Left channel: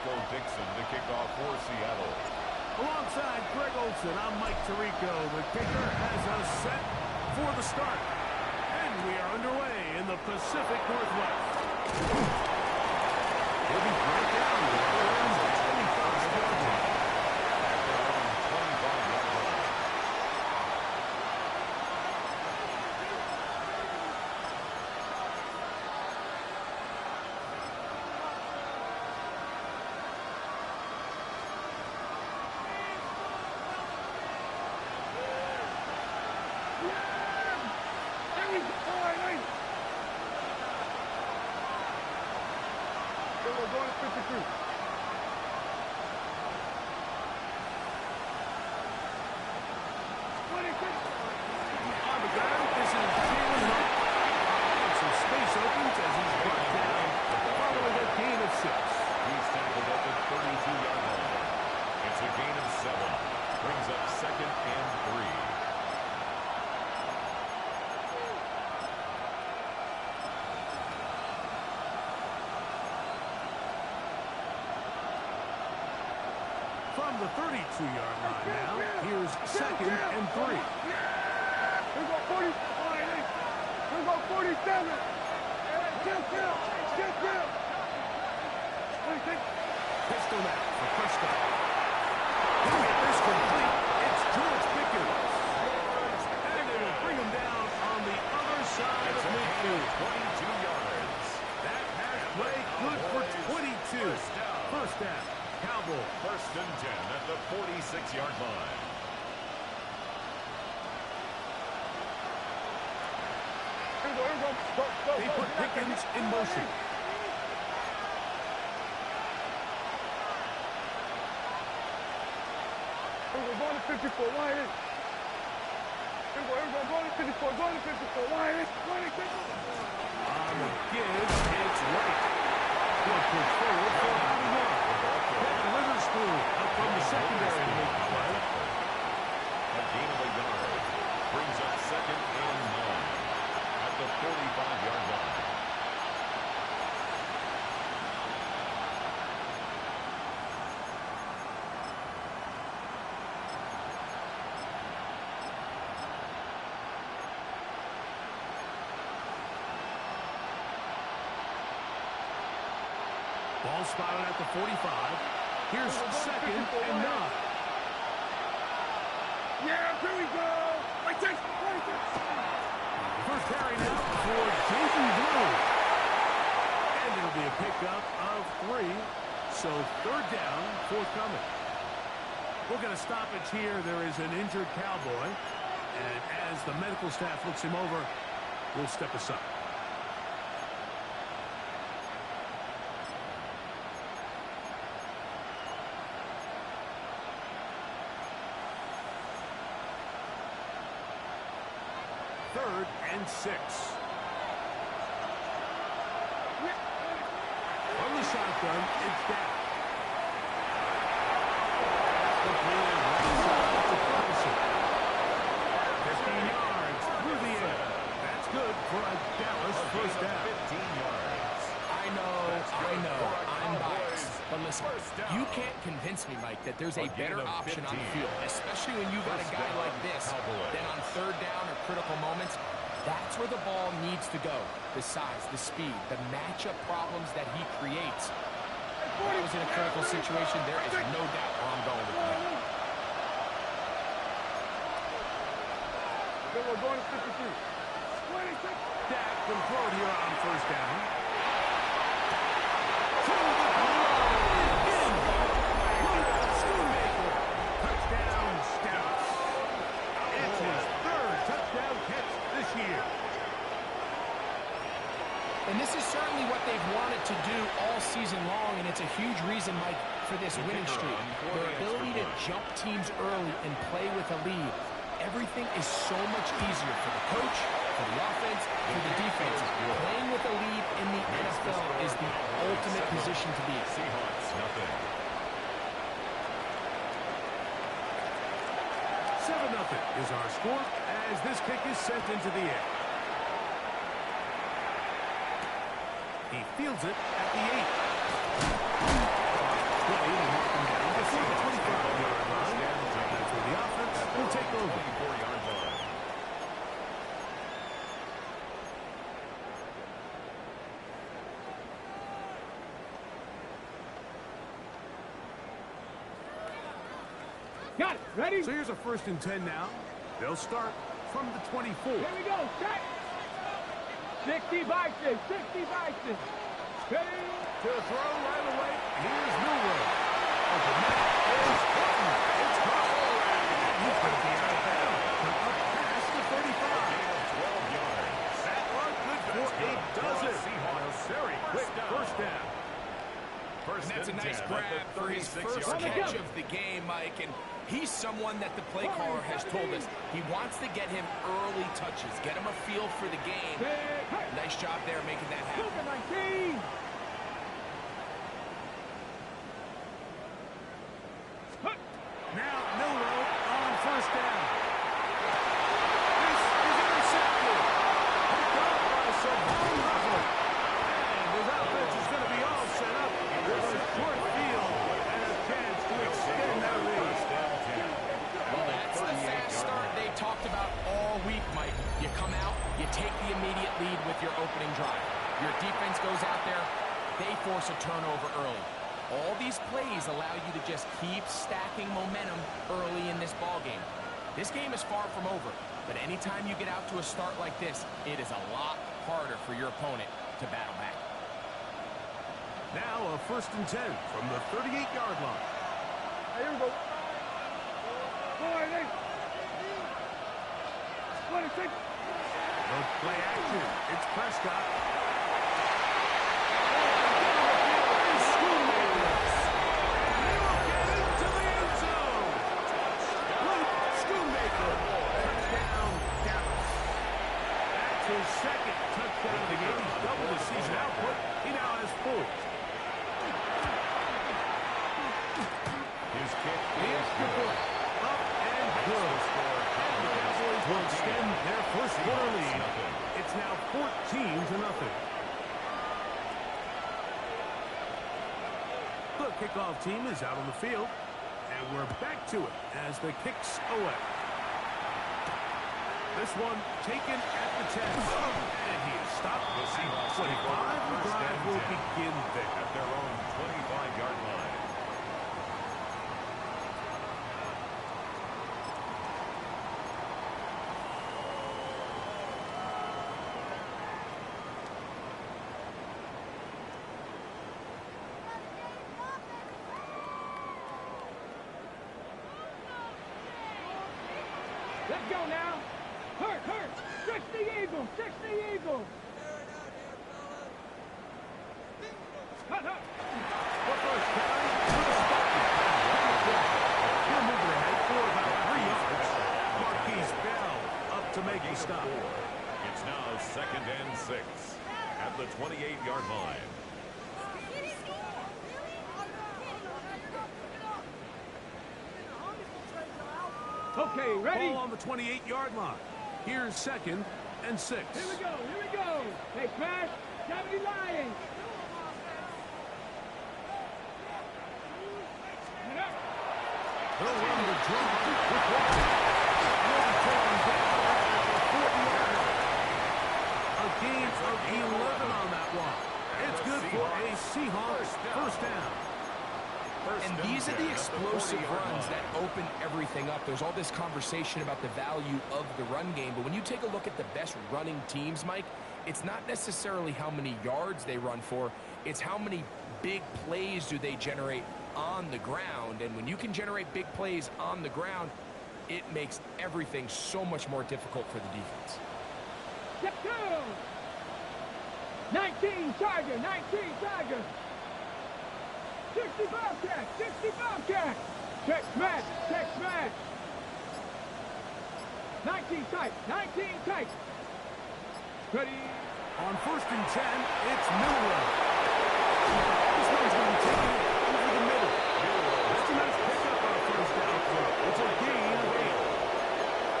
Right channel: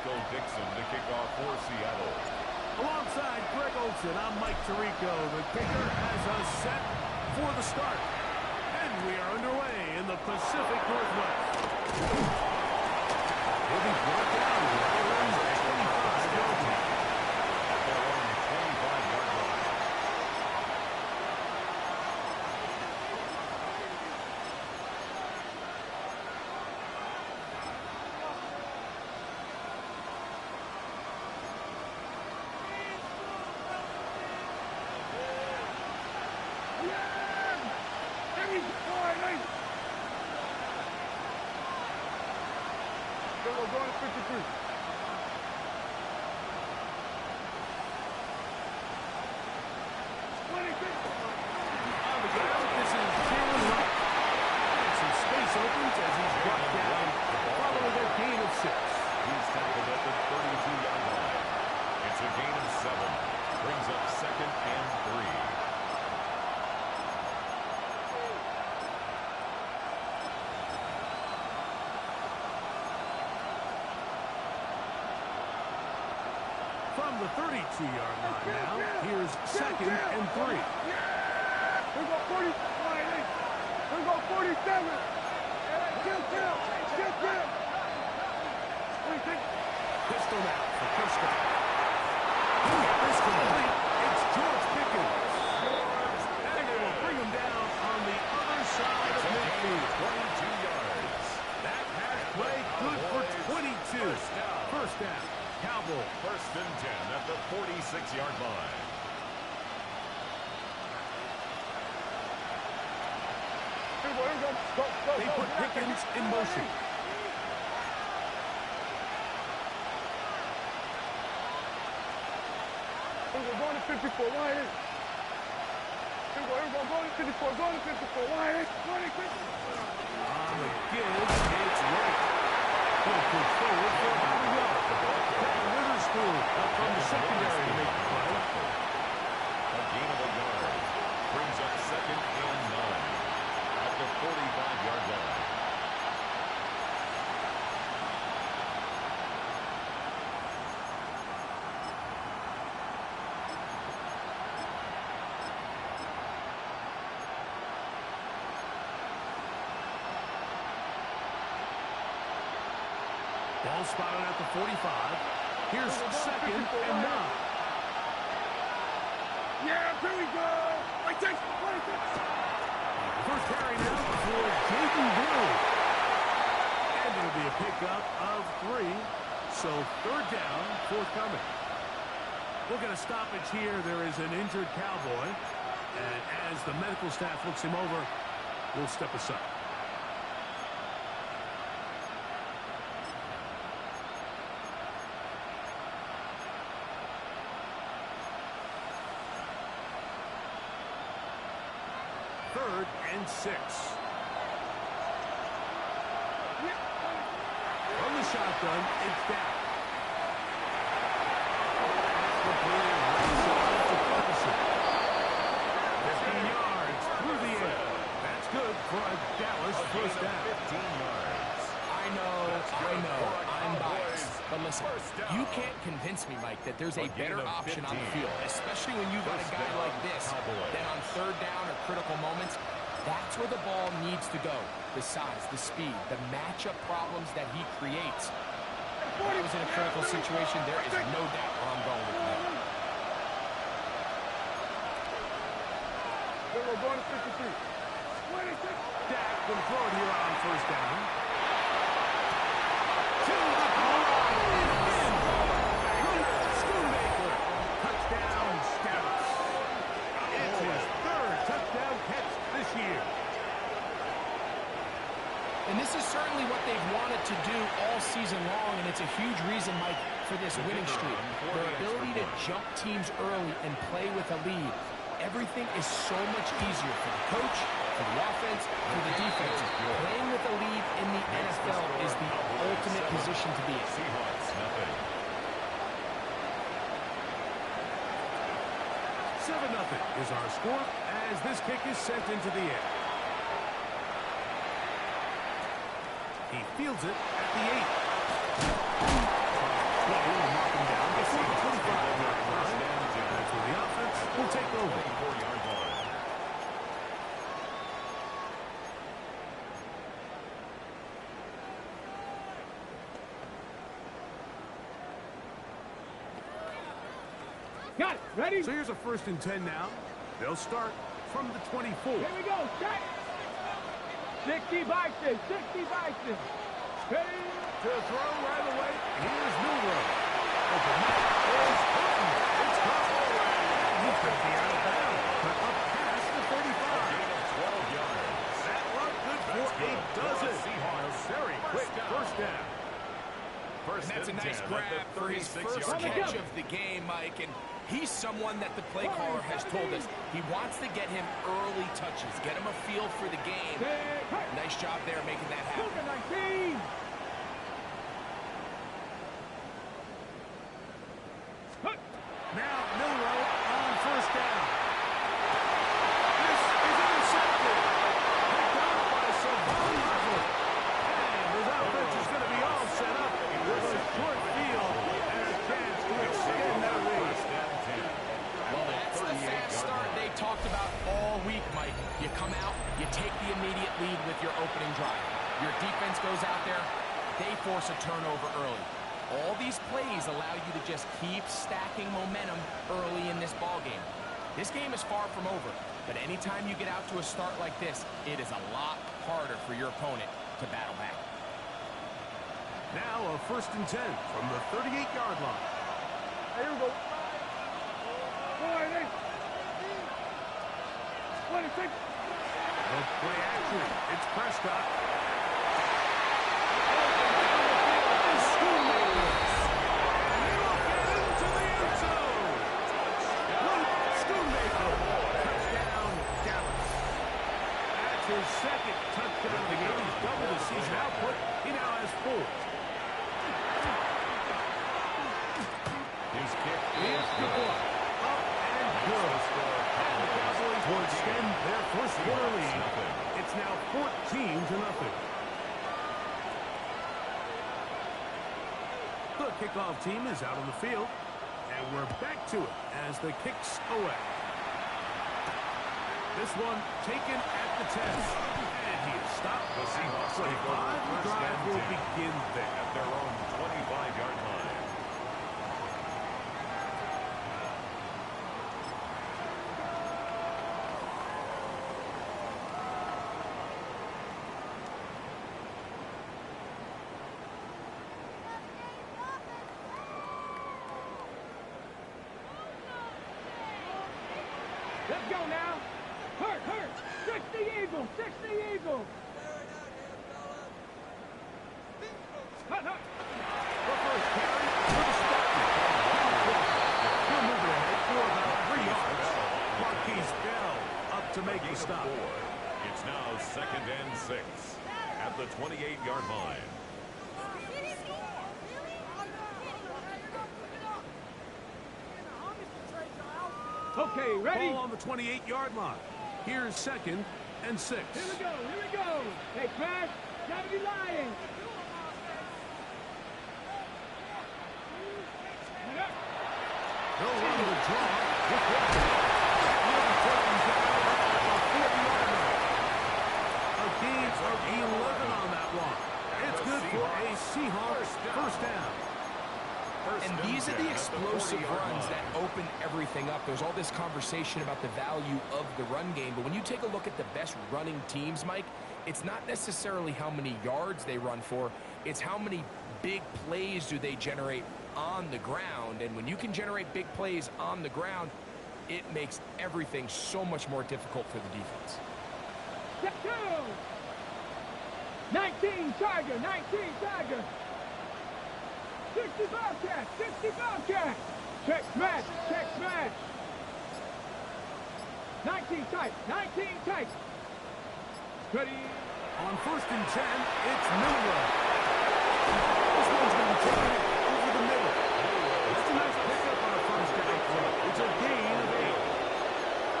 Rico Dixon to kick off for Seattle. Alongside Greg Olson, I'm Mike Tirico. The kicker has us set for the start. And we are underway in the Pacific Northwest. He'll be brought down around the 25-yard line. At their own 25-yard line. We're going to 53. On the ground, this is Jalen Wright. And some space opens as he's brought down following a gain of 6. He's tackled at the 32-yard line. It's a gain of 7. Brings up 2nd and 3. From the 32-yard line now, here's 2nd and 3. Here go 40. Here go 47. Kill. Pistol now for Prescott. He'll get this complete. It's George Pickens. And they will bring him down on the other side of midfield. 22 yards. That has played good for 22. First down. Cowboy. 1st and 10 at the 46-yard line. Go. They put Pickens in motion. We're going to 54. Why is? Here we go. Going to 54. Going to 54. Why is? On the give, it's Wright. He'll push forward for about a yard. Then Witherspoon up from the secondary to make the play. A gain of a yard. Brings up 2nd and 9 at the 45-yard line. Ball spotted at the 45. Here's 2nd and 9. Yeah, here we go. Right there. First carry now for Jaden Blue. And it'll be a pickup of 3. So 3rd down, forthcoming. We'll get a stoppage here. There is an injured Cowboy. And as the medical staff looks him over, we'll step aside. Third and 6. From the shotgun, it's down. That's completed right side to Ferguson. 15 yards through the air. That's good for a Dallas first down. 15 yards. I know, I'm biased. But listen, you can't convince me, Mike, that there's a better option on the field, especially when you've got a guy like this. Then on 3rd down or critical moments, that's where the ball needs to go. The size, the speed, the matchup problems that he creates. If I was in a critical situation, there is no doubt where I'm going with that. We're going to 53. Dak will throw it here on 1st down. To the goal line. In. Schoonmaker. Touchdown, Scouts. It's his 3rd touchdown catch this year. And this is certainly what they've wanted to do all season long, and it's a huge reason, Mike, for this winning streak. Their ability to jump teams early and play with a lead. Everything is so much easier for the coach, for the offense, for the defense. Playing with a lead in the NFL is the ultimate position to be in. Seahawks, nothing. 7-0 is our score as this kick is sent into the air. He fields it at the 8. will mark him down before the 25-yard line. That's where the offense will take over. 24-yard line. Got it. Ready? So here's a 1st and 10 now. They'll start from the 24. Here we go. Check. 60 Bison. 60 Bison. Ready? To throw right away, here's Milroe. Open man is Horton. It's caught already. He's going to be out of bounds. But up past the 35. A gain of 12 yards. That run good for a dozen. And a very quick first down. First And that's a and nice 10 grab at the for his first 36-yard catch line. of the game, Mike. And he's someone that the play caller has told us he wants to get him early touches, get him a feel for the game. Nice job there making that happen. 19. Now Milroe on first down. This is intercepted. Picked off by Savon Russell. And his offense is going to be all set up with a short field and a chance to extend that lead. Well, that's the fast start they talked about all week, Mike. You come out, you take the immediate lead with your opening drive. Your defense goes out there, they force a turnover early. All these plays allow you to just keep stacking momentum early in this ball game. This game is far from over, but anytime you get out to a start like this, it is a lot harder for your opponent to battle back. Now a 1st and 10 from the 38-yard line. Here we go. 26. The play action. It's Prescott. His second touchdown of the game. He's doubled his season output. He now has 4. His kick He is is good. good. Up and good. And the Cowboys will extend their first quarter lead. It's now 14-0. The kickoff team is out on the field. And we're back to it as the kicks away. This one taken at the 10. And he is stopped. The Seahawks at 25. take over The first drive and will 10 begin there. at their own 25-yard line. Let's go now. Hurt. 60 Eagles. 60 Eagles. Hut. The first carry for the Spartans. He'll move it ahead for about 3 yards. Marquise Bell up to make the stop. It's now 2nd and 6 at the 28-yard line. Okay, ready? Ball on the 28-yard line. Here's 2nd and 6. Here we go. Hey, Crash, 70 Lions. They'll run the draw with Walker. He'll be taken down at the 40-yard line. A gain of 11 on that one. It's good for a Seahawks first down. And these are the explosive runs that open everything up. There's all this conversation about the value of the run game, but when you take a look at the best running teams, Mike, it's not necessarily how many yards they run for, it's how many big plays do they generate on the ground. And when you can generate big plays on the ground, it makes everything so much more difficult for the defense. Step 2. 19 Tiger. 60 Bobcat. Check smash. 19 tight. Ready. On 1st and 10, it's Milroe. This one's going to be taken over the middle. That's a nice pickup on a first down throw. It's a gain of 8.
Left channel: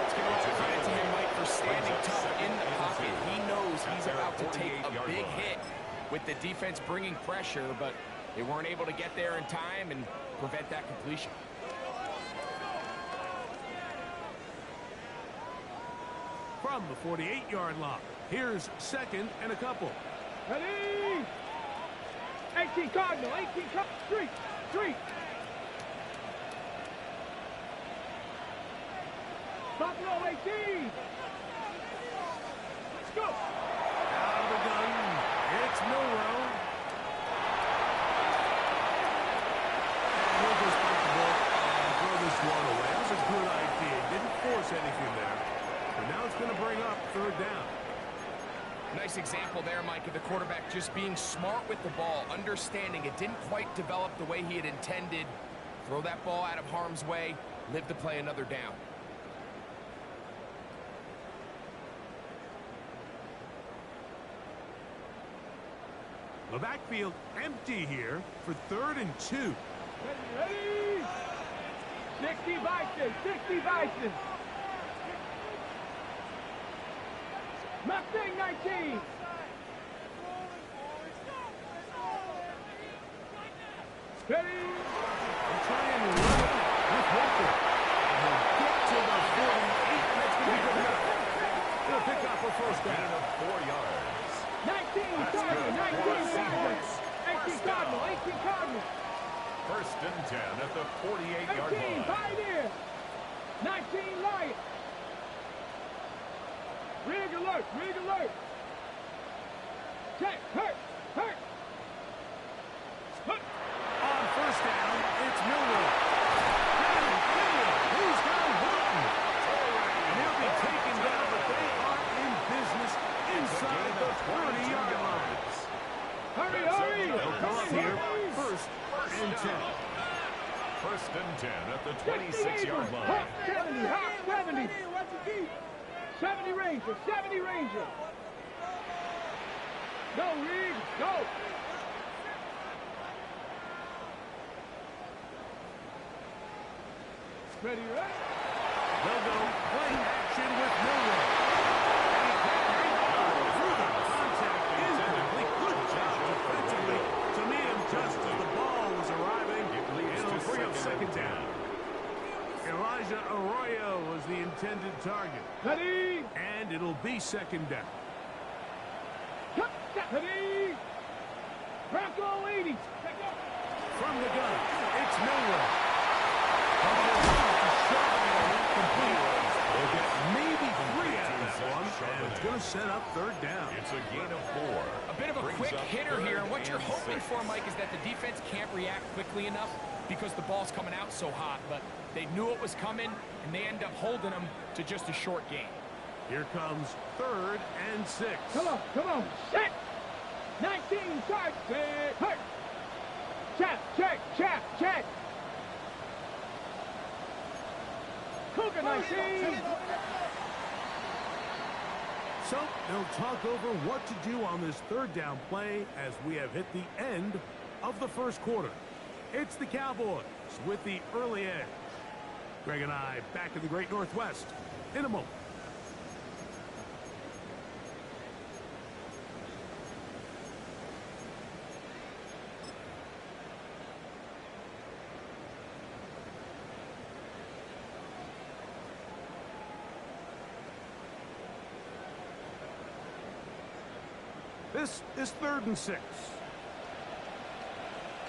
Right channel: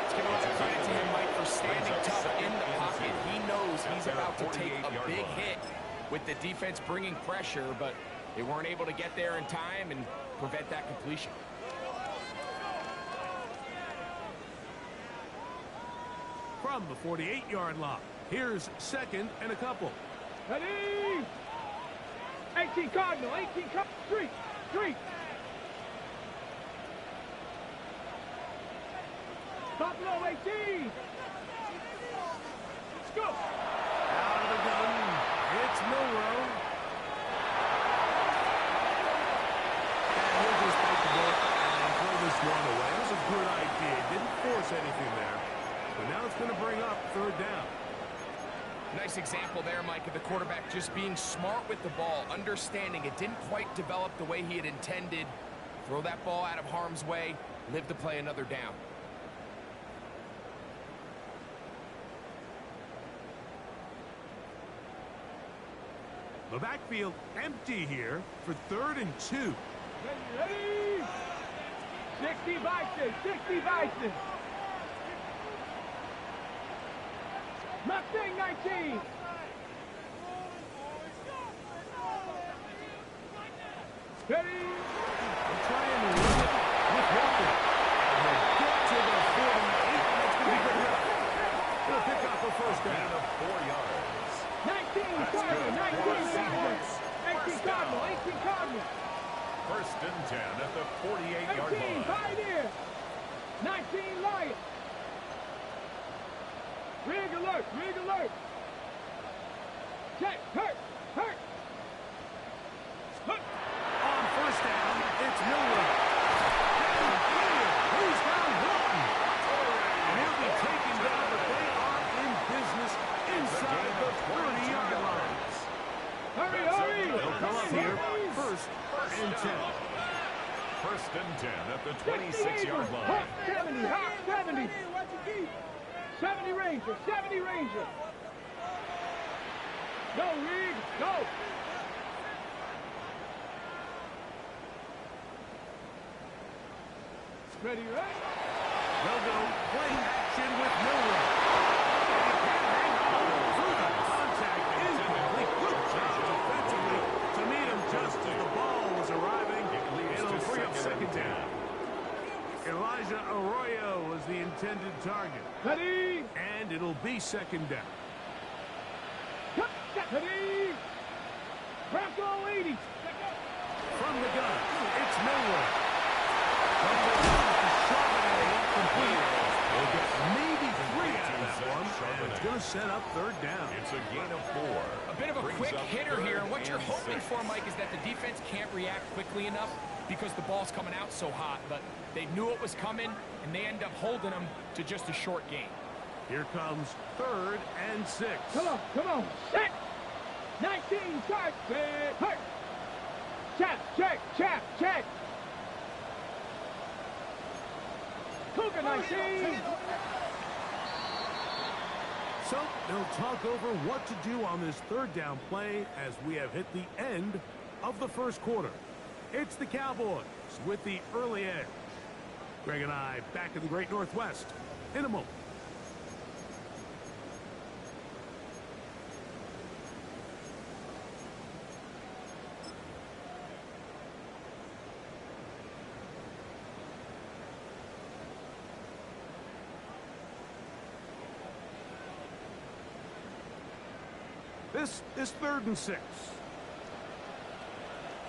Let's give a lot of credit to him, Mike, for standing tough in the pocket. He knows he's about to take a big hit with the defense bringing pressure, but They weren't able to get there in time and prevent that completion. From the 48-yard line, here's second and a couple. Ready? 18 Cardinal, 18 Cardinal, street. Buffalo 18. Let's go. Out of the gun, it's Milroe. And he'll just bite the book and throw this one away. That was a good idea. Didn't force anything there. But now it's going to bring up third down. Nice example there, Mike, of the quarterback just being smart with the ball, understanding it didn't quite develop the way he had intended. Throw that ball out of harm's way, live to play another down. The backfield empty here for 3rd and 2. Ready? 60 Bison. Mustang 19. Ready? They'll try and run it with Walker. And he'll get to the 48. That's going to be good enough. He'll pick up a first down. Gain of 4 yards. 19 Cardinal. 18 Cardinal. First and 10 at the 48-yard 18 line. Pioneer. 19 Lion. Rig alert. Check, hurt. On first down, it's Milroe. Downfield, he's got Horton. And he'll be taken down, but they are in business inside the 30-yard line. Hurry. They'll come up here, first and 10. First and 10 at the 26-yard line. Hawk 70. 70 Ranger. Go, Reed, go. Ready? They'll go play action with Milroe. And he can't hang on through the contact. Incomplete. Good job defensively to meet him just as the ball was arriving. It'll bring up second down. Elijah Arroyo was the intended target. Ready? And it'll be second down. Ready? Bronco 80. From the gun, it's Milroe. To Charbonnet, complete. They'll get maybe 3 out of that one, and it's going to set up third down. It's a gain of 4. A bit of a Brings quick up hitter here, and what you're 3rd hoping and 6. for, Mike, is that the defense can't react quickly enough because the ball's coming out so hot, but they knew it was coming, and they end up holding them to just a short gain. Here comes 3rd and 6. Come on. Set. 19 side. Hurt. Check. Cougar 19. So they'll talk over what to do on this third down play as we have hit the end of the first quarter. It's the Cowboys with the early edge. Greg and I back in the Great Northwest in a moment. This is 3rd and 6.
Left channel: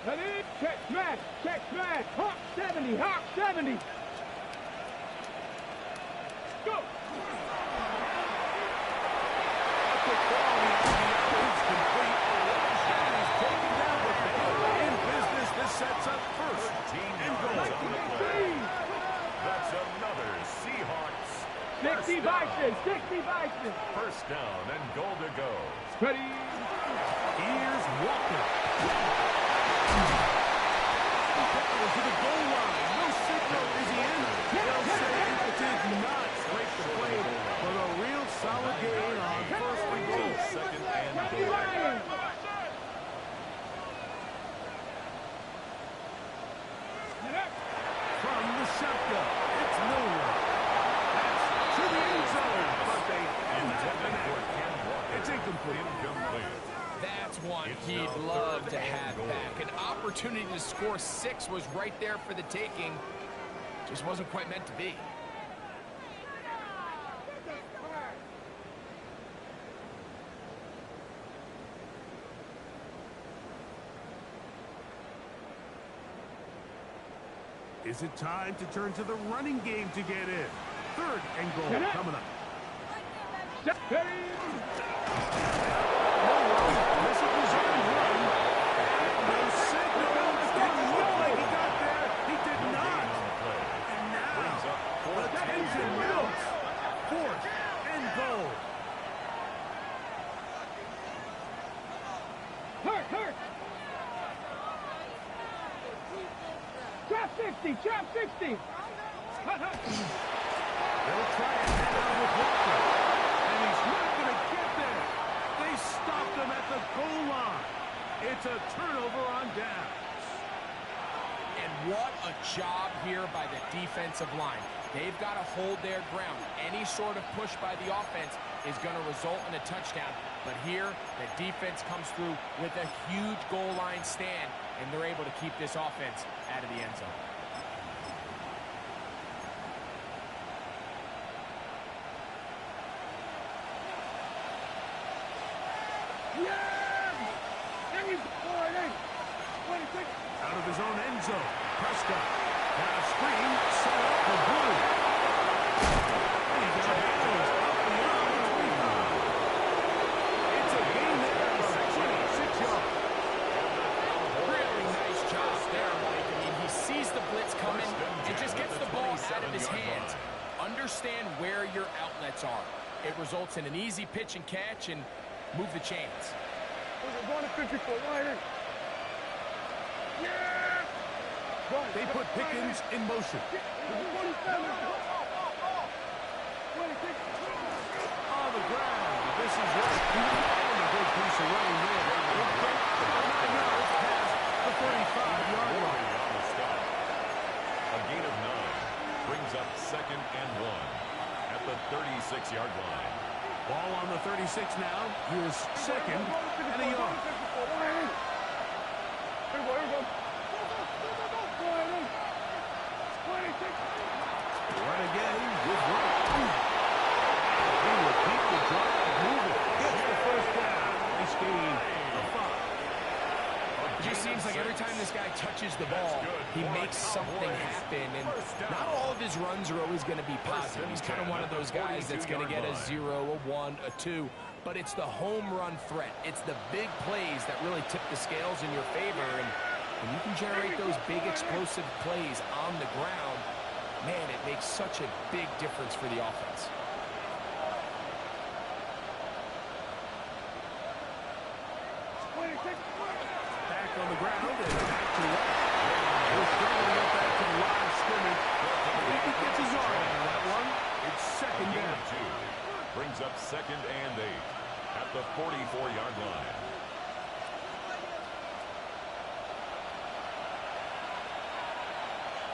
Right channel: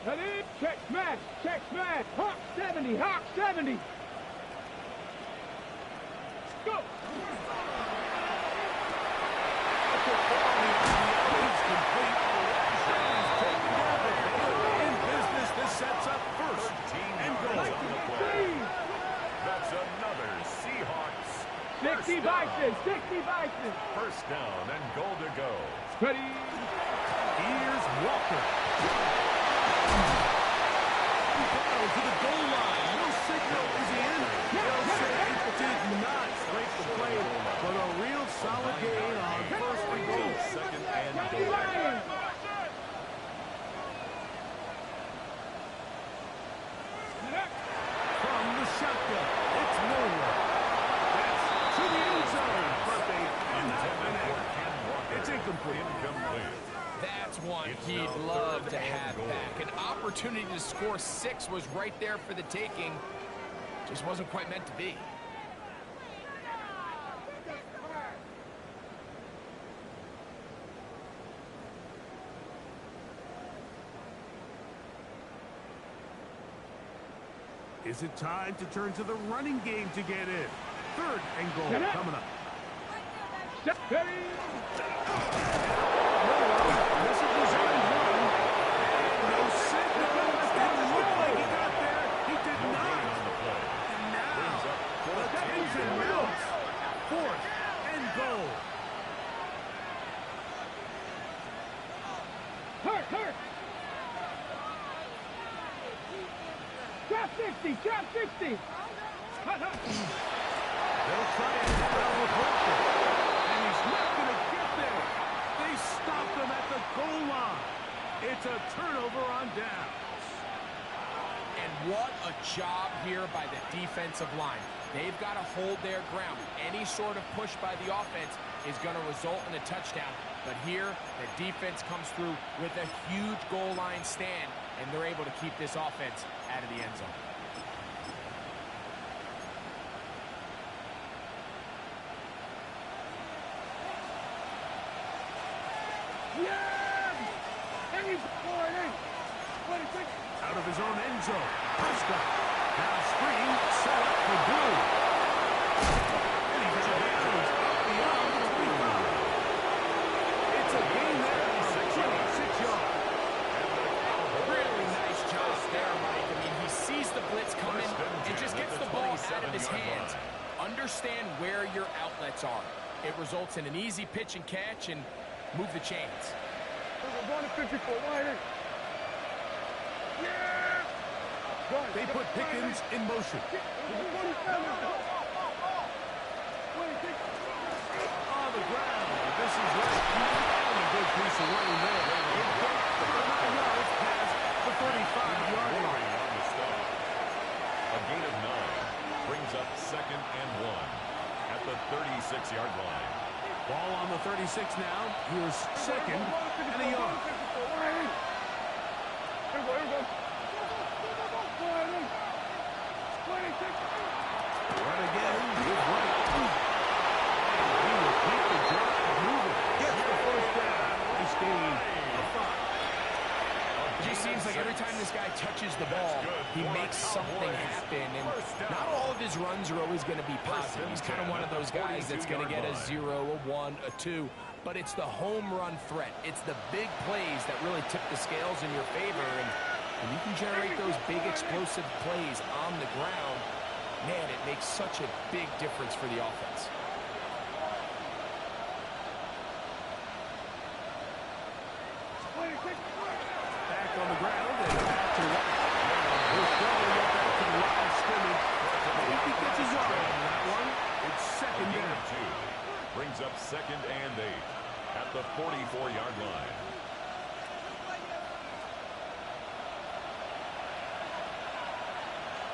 Ready? Check smash. Hawk 70. Go. The quality RPO is complete. And he's taken down, but they are in business. This sets up first 13 and yards goal. on the play. That's another Seahawks. 60 Bison. First down and goal to go. Ready? Here's Walker. Down to the goal line. No signal. Is he in? They'll say it did not break the play, but a real solid gain on first and goal. Second and goal. From the shotgun, it's Milroe. That's to the end zone, but they did not Intended connect. for Ken Walker. It's incomplete. That's one he'd love to have back. An opportunity to score 6 was right there for the taking. Just wasn't quite meant to be. Is it time to turn to the running game to get in? 3rd and goal coming up. No wrong. This is designed run. And no signal. It didn't look like he got there. He did not. And now, the tension mounts. 4th and goal. Hurt. Trap 60, trap 60. They'll try it now with Walker. And he's not going to get there. They stopped him at the goal line. It's a turnover on downs. And what a job here by the defensive line. They've got to hold their ground. Any sort of push by the offense is going to result in a touchdown. But here, the defense comes through with a huge goal line stand, and they're able to keep this offense out of the end zone. Out of his own end zone, Prescott. Now screen set up for Blue. And he's out of bounds, up beyond the 25. It's a gain there of 26 yards. Really nice job there, Mike. I mean, he sees the blitz coming and just gets the ball out of his hands. Understand where your outlets are. It results in an easy pitch and catch and move the chains. Going to 54, wide in. Yeah! They put Pickens in motion. 27. On the ground. This is right. And a good piece of running there. He'll get the 9 yards past the 35-yard line. On the stop. A gain of 9 brings up 2nd and 1 at the 36-yard line. Ball on the 36 now. Here's 2nd and a yard. Here we go. Run again with Wright. And he will keep the drive moving. Gets the 1st down. Nice gain of 5. It just seems like every time this guy touches the ball, he makes something happen. And not all of his runs are always going to be positive. He's kind of one of those guys that's going to get a 0, a 1, a 2. But it's the home run threat. It's the big plays that really tip the scales in your favor. And when you can generate those big explosive plays on the ground, man, it makes such a big difference for the offense. Back on the ground and back to White. He'll struggle to get back to the line of scrimmage. If he gets a yard on that one, it's 2nd down. 2 brings up 2nd and 8 at the 44-yard line.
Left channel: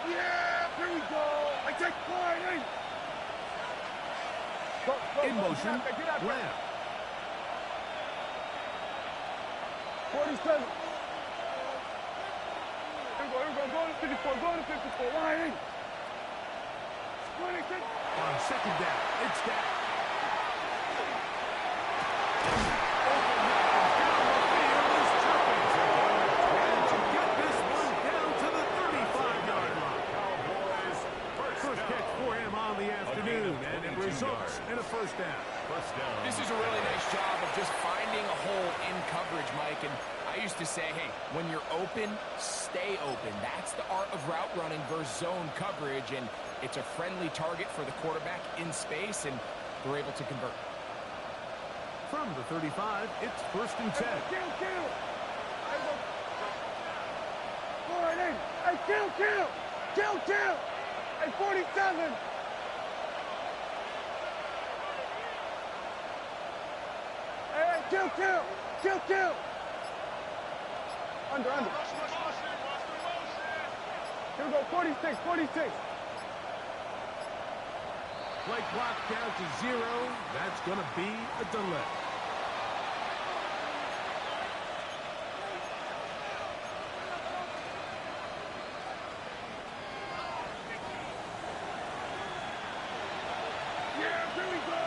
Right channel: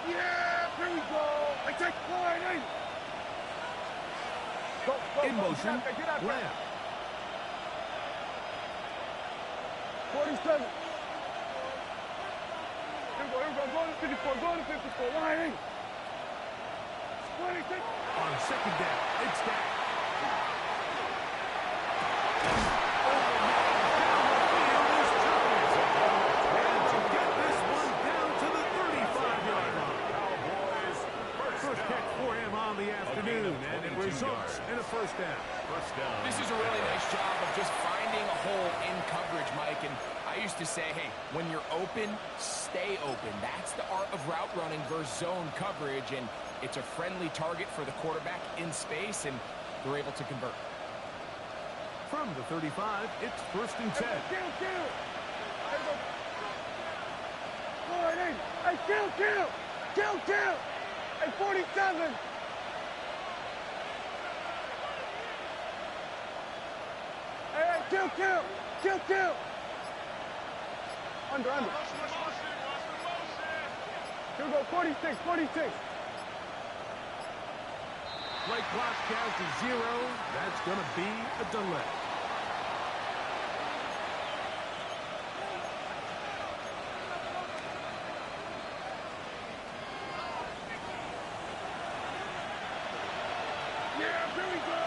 Yeah, here we go. I take wide in. In motion, Lamb. 47. Here we go. Going to 54. Wide in. 26. On 2nd down, it's Dak. Open man down the field is Turpin. And to get this one down to the 35-yard line. Cowboys, First catch for him on the afternoon, and it results in a 1st down. First down. This is a really nice job of just finding a hole in coverage, Mike. And I used to say, hey, when you're open, stay open. That's the art of route running versus zone coverage. And it's a friendly target for the quarterback in space, and they're able to convert. From the 35, it's 1st and 10. Kill. Wide in. Hey, kill. Hey, 47. Hey, kill. Under. Here we go, 46. Play clock count to 0. That's going to be a delay. Yeah, here we go.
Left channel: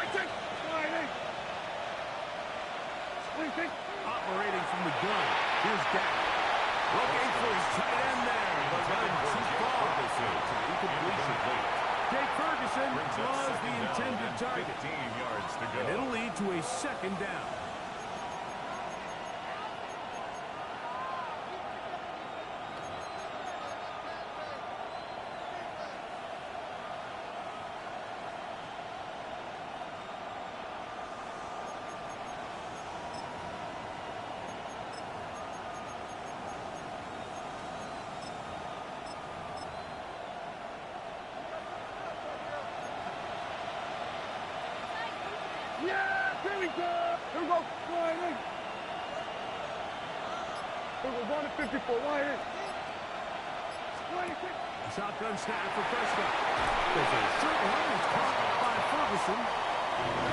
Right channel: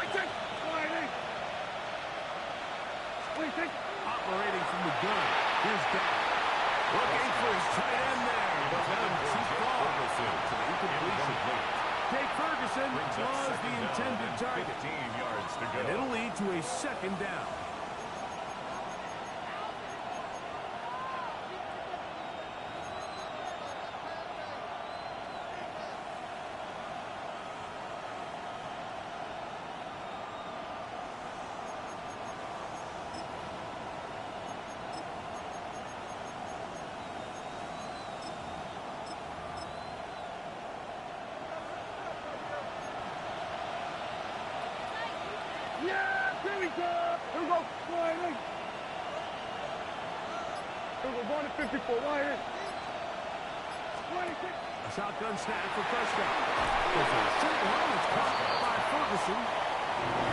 Right check. Sliding. Split. Operating from the gun. Here's Dak. Looking for his tight end there, but running too far to the incompletion. Jake Ferguson was the intended target. 15 yards to go. And it'll lead to a second down. Yeah, here we go. Here we go. Sliding. Here we go. Going to 54. Wide in. Sliding. A shotgun snap for Prescott. There's a short one that's caught by Ferguson.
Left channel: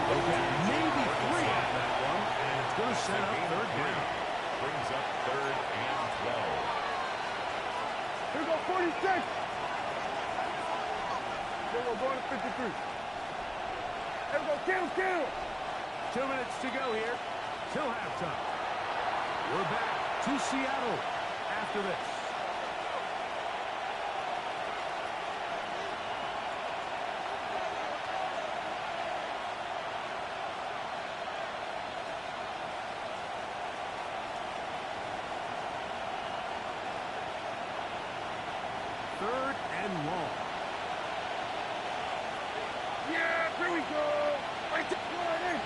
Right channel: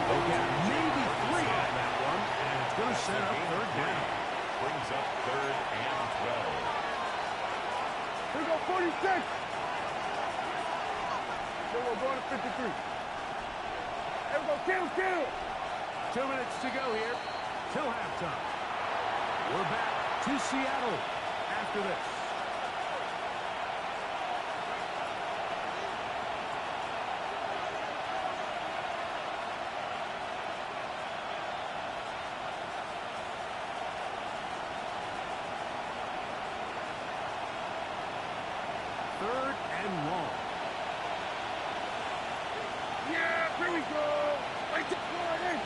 They get maybe 3 out of that one, and it's going to set up third down. Brings up 3rd and 12. Here we go. 46. Here we go. Going to 53. Here we go. Kill. 2 minutes to go here till halftime. We're back to Seattle after this. Third and long. Yeah, here we go. Right to sliding.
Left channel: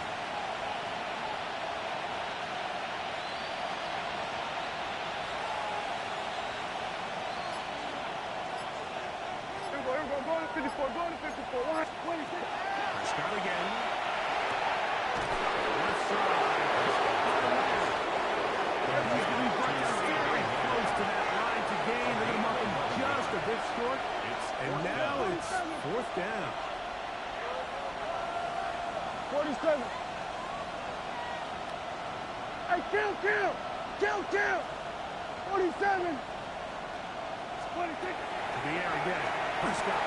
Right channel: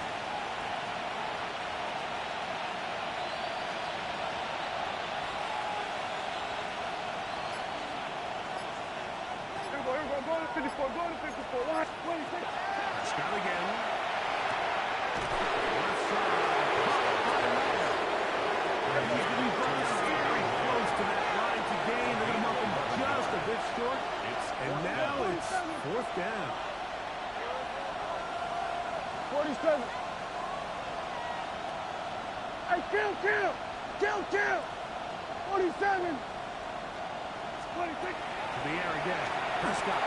Here we go. Going to 54. Going to 54. Watch. 26. Prescott again. Left side. And he's going to be brought down very close to that line to gain. They're going to mark him just a bit short. And now it's 4th down. 47. Hey, kill. 47. 26. To the air again. Prescott.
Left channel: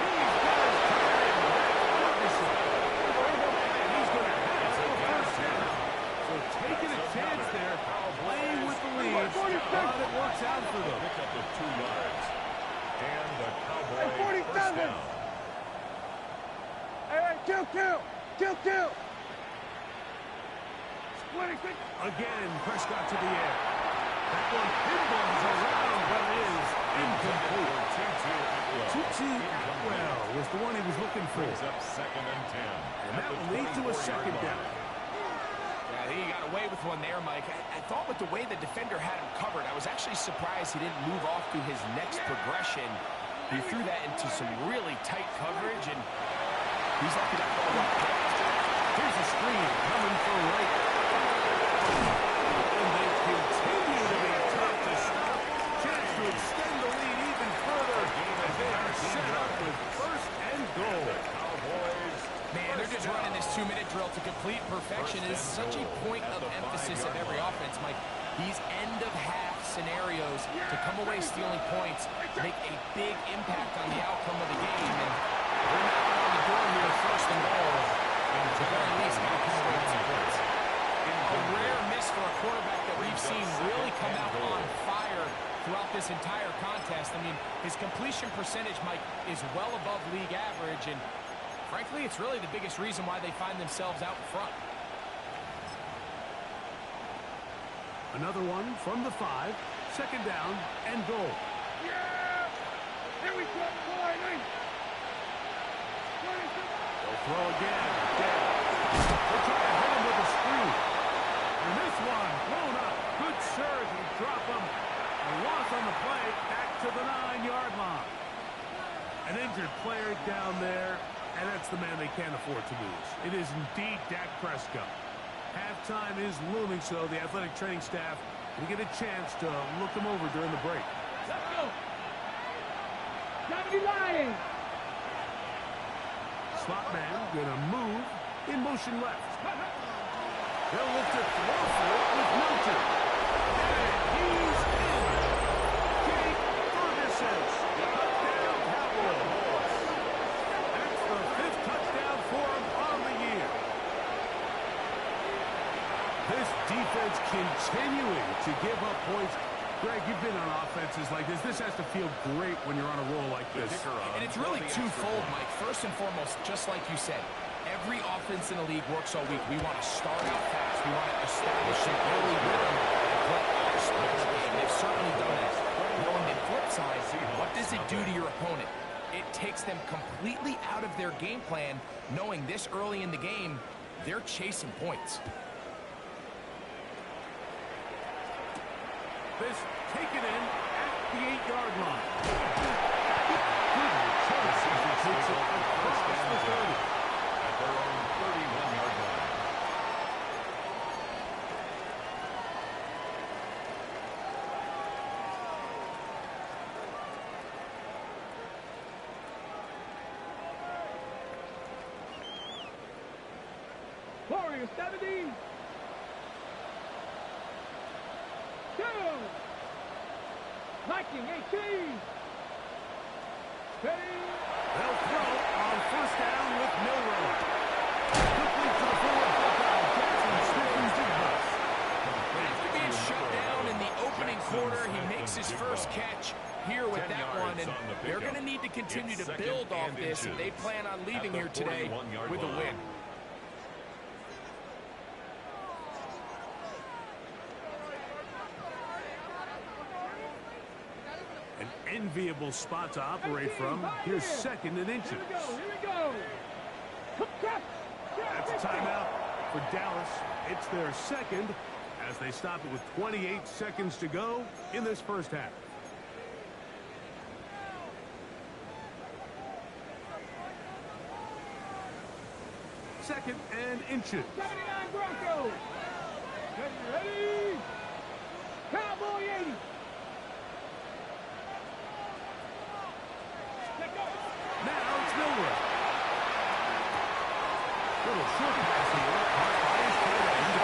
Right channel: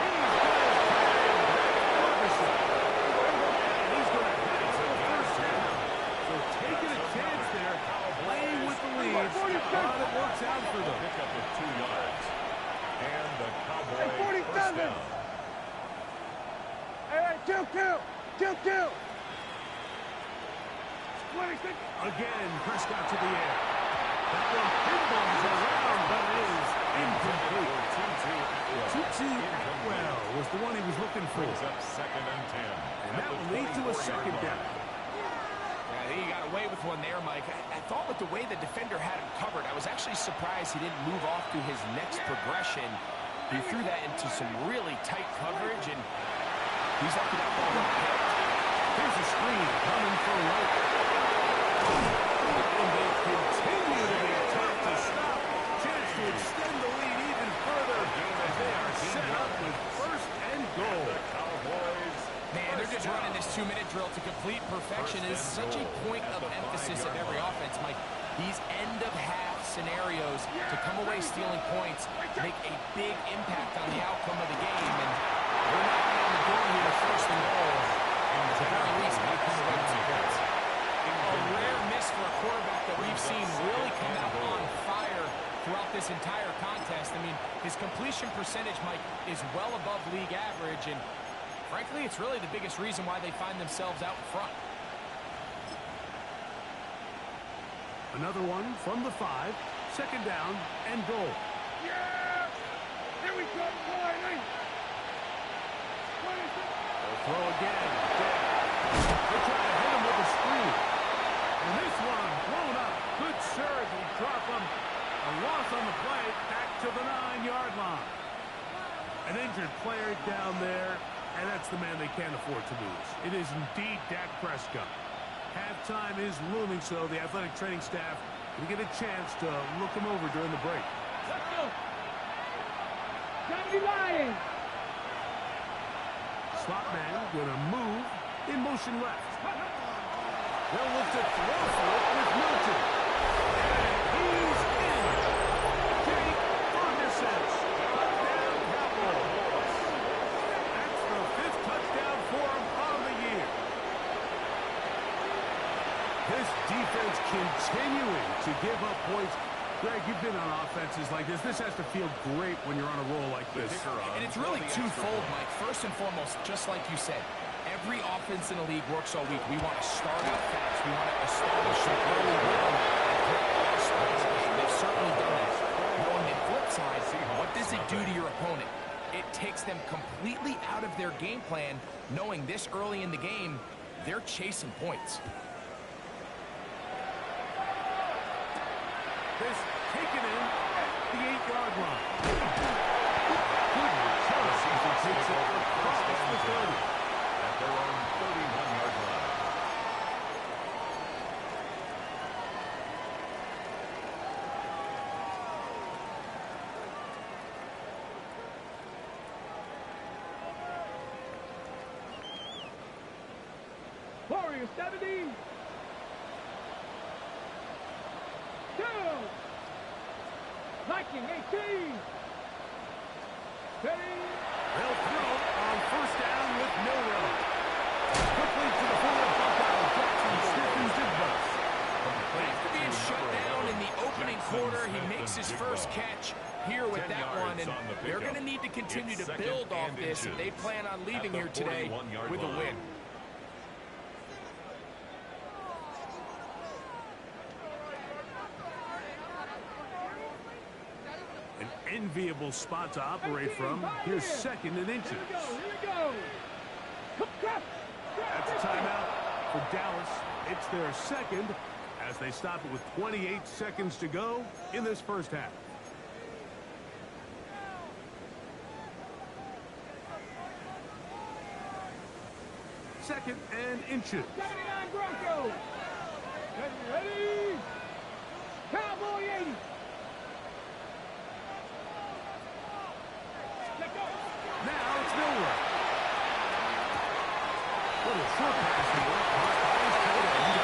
He's got his tight end. Ferguson. And he's going to have the first down. So taking a chance there, playing with the leads, but it works out for them. Pickup of 2 yards. And the Cowboy Hey, 47. first down. Hey, kill. 26. Again, Prescott to the air. That one pinballs around, but it is incomplete. Tutu Atwell was the one he was looking for. Brings up 2nd and 10. And that will lead to a second down. I think he got away with one there, Mike. I thought with the way the defender had him covered, I was actually surprised he didn't move off to his next progression. He threw that into some really tight coverage, and he's lucky that ball went picked. Here's a screen coming for Wright. And they continue to be tough to stop. Chance to extend the lead even further as they are set up with 1st and goal. Cowboys. Man, they're just running this 2-minute drill to complete perfection. It is such a point of emphasis of every offense, Mike. These end-of-half scenarios to come away stealing points make a big impact on the outcome of the game. And we're knocking on the door here, 1st and goal. And at the very least, got to come away with some points. A rare miss for a quarterback that we've seen really come out on fire throughout this entire contest. I mean, his completion percentage, Mike, is well above league average, and frankly, it's really the biggest reason why they find themselves out in front. Another one from the 5. 2nd down and goal. Yeah! Here we go. Sliding. 26. They'll throw again. They'll try to hit him with a screen. And this one blown up. Good surge. He drop him. A loss on the play. Back to the 9-yard line. An injured player down there. And that's the man they can't afford to lose. It is indeed Dak Prescott. Halftime is looming, so the athletic training staff can get a chance to look him over during the break. Let's go. 70 line. Slot man gonna move in motion left. They'll look to throw for it with Milton. And he's in. Jake Ferguson. Touchdown Cowboys. That's the 5th continuing to give up points. Greg, you've been on offenses like this. This has to feel great when you're on a roll like this. And it's really twofold, Mike. First and foremost, just like you said, every offense in the league works all week. We want to start out fast. We want to establish some early rhythm and play our style of game. They've certainly done that. Now, on the flip side, what does it do to your opponent? It takes them completely out of their game plan, knowing this early in the game, they're chasing points. This taken in at the 8-yard line. Good return as he takes it across the 30. At their own 31-yard line. Warriors 70. 2. Viking 18. Ready. They'll throw on first down with Milroe. Quickly to the forward Buckeye. Jackson Smith-Njigba. After being shut down in the opening quarter, he makes his first catch here with that one, and they're going to need to continue to build off this if they plan on leaving here today with a win. An enviable spot to operate from. Here's second and inches. Here we go. That's a timeout for Dallas. It's their second as they stop it with 28 seconds to go in this first half. Second and inches. 79 Broncos. Ready. Cowboy 80. Now it's Milroe. Little short pass here, caught by his tight end.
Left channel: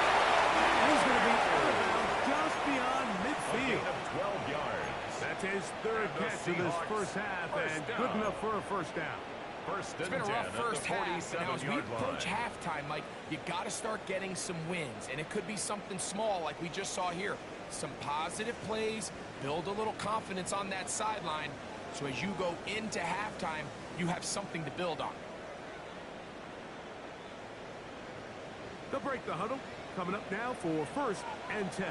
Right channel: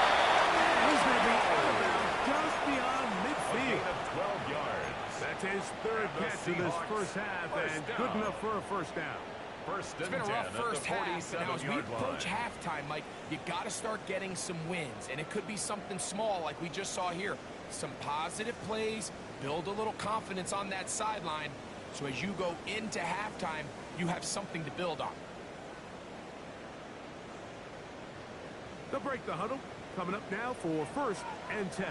And he's going to be out of bounds just beyond midfield. A gain of 12 yards. That's his third catch of this first half, and good enough for a first down. First It's and been a 10 rough first at the half, and now as we 47-yard approach line. halftime, Mike, you got to start getting some wins, and it could be something small like we just saw here. Some positive plays, build a little confidence on that sideline, so as you go into halftime, you have something to build on. They'll break the huddle. Coming up now for first and 10.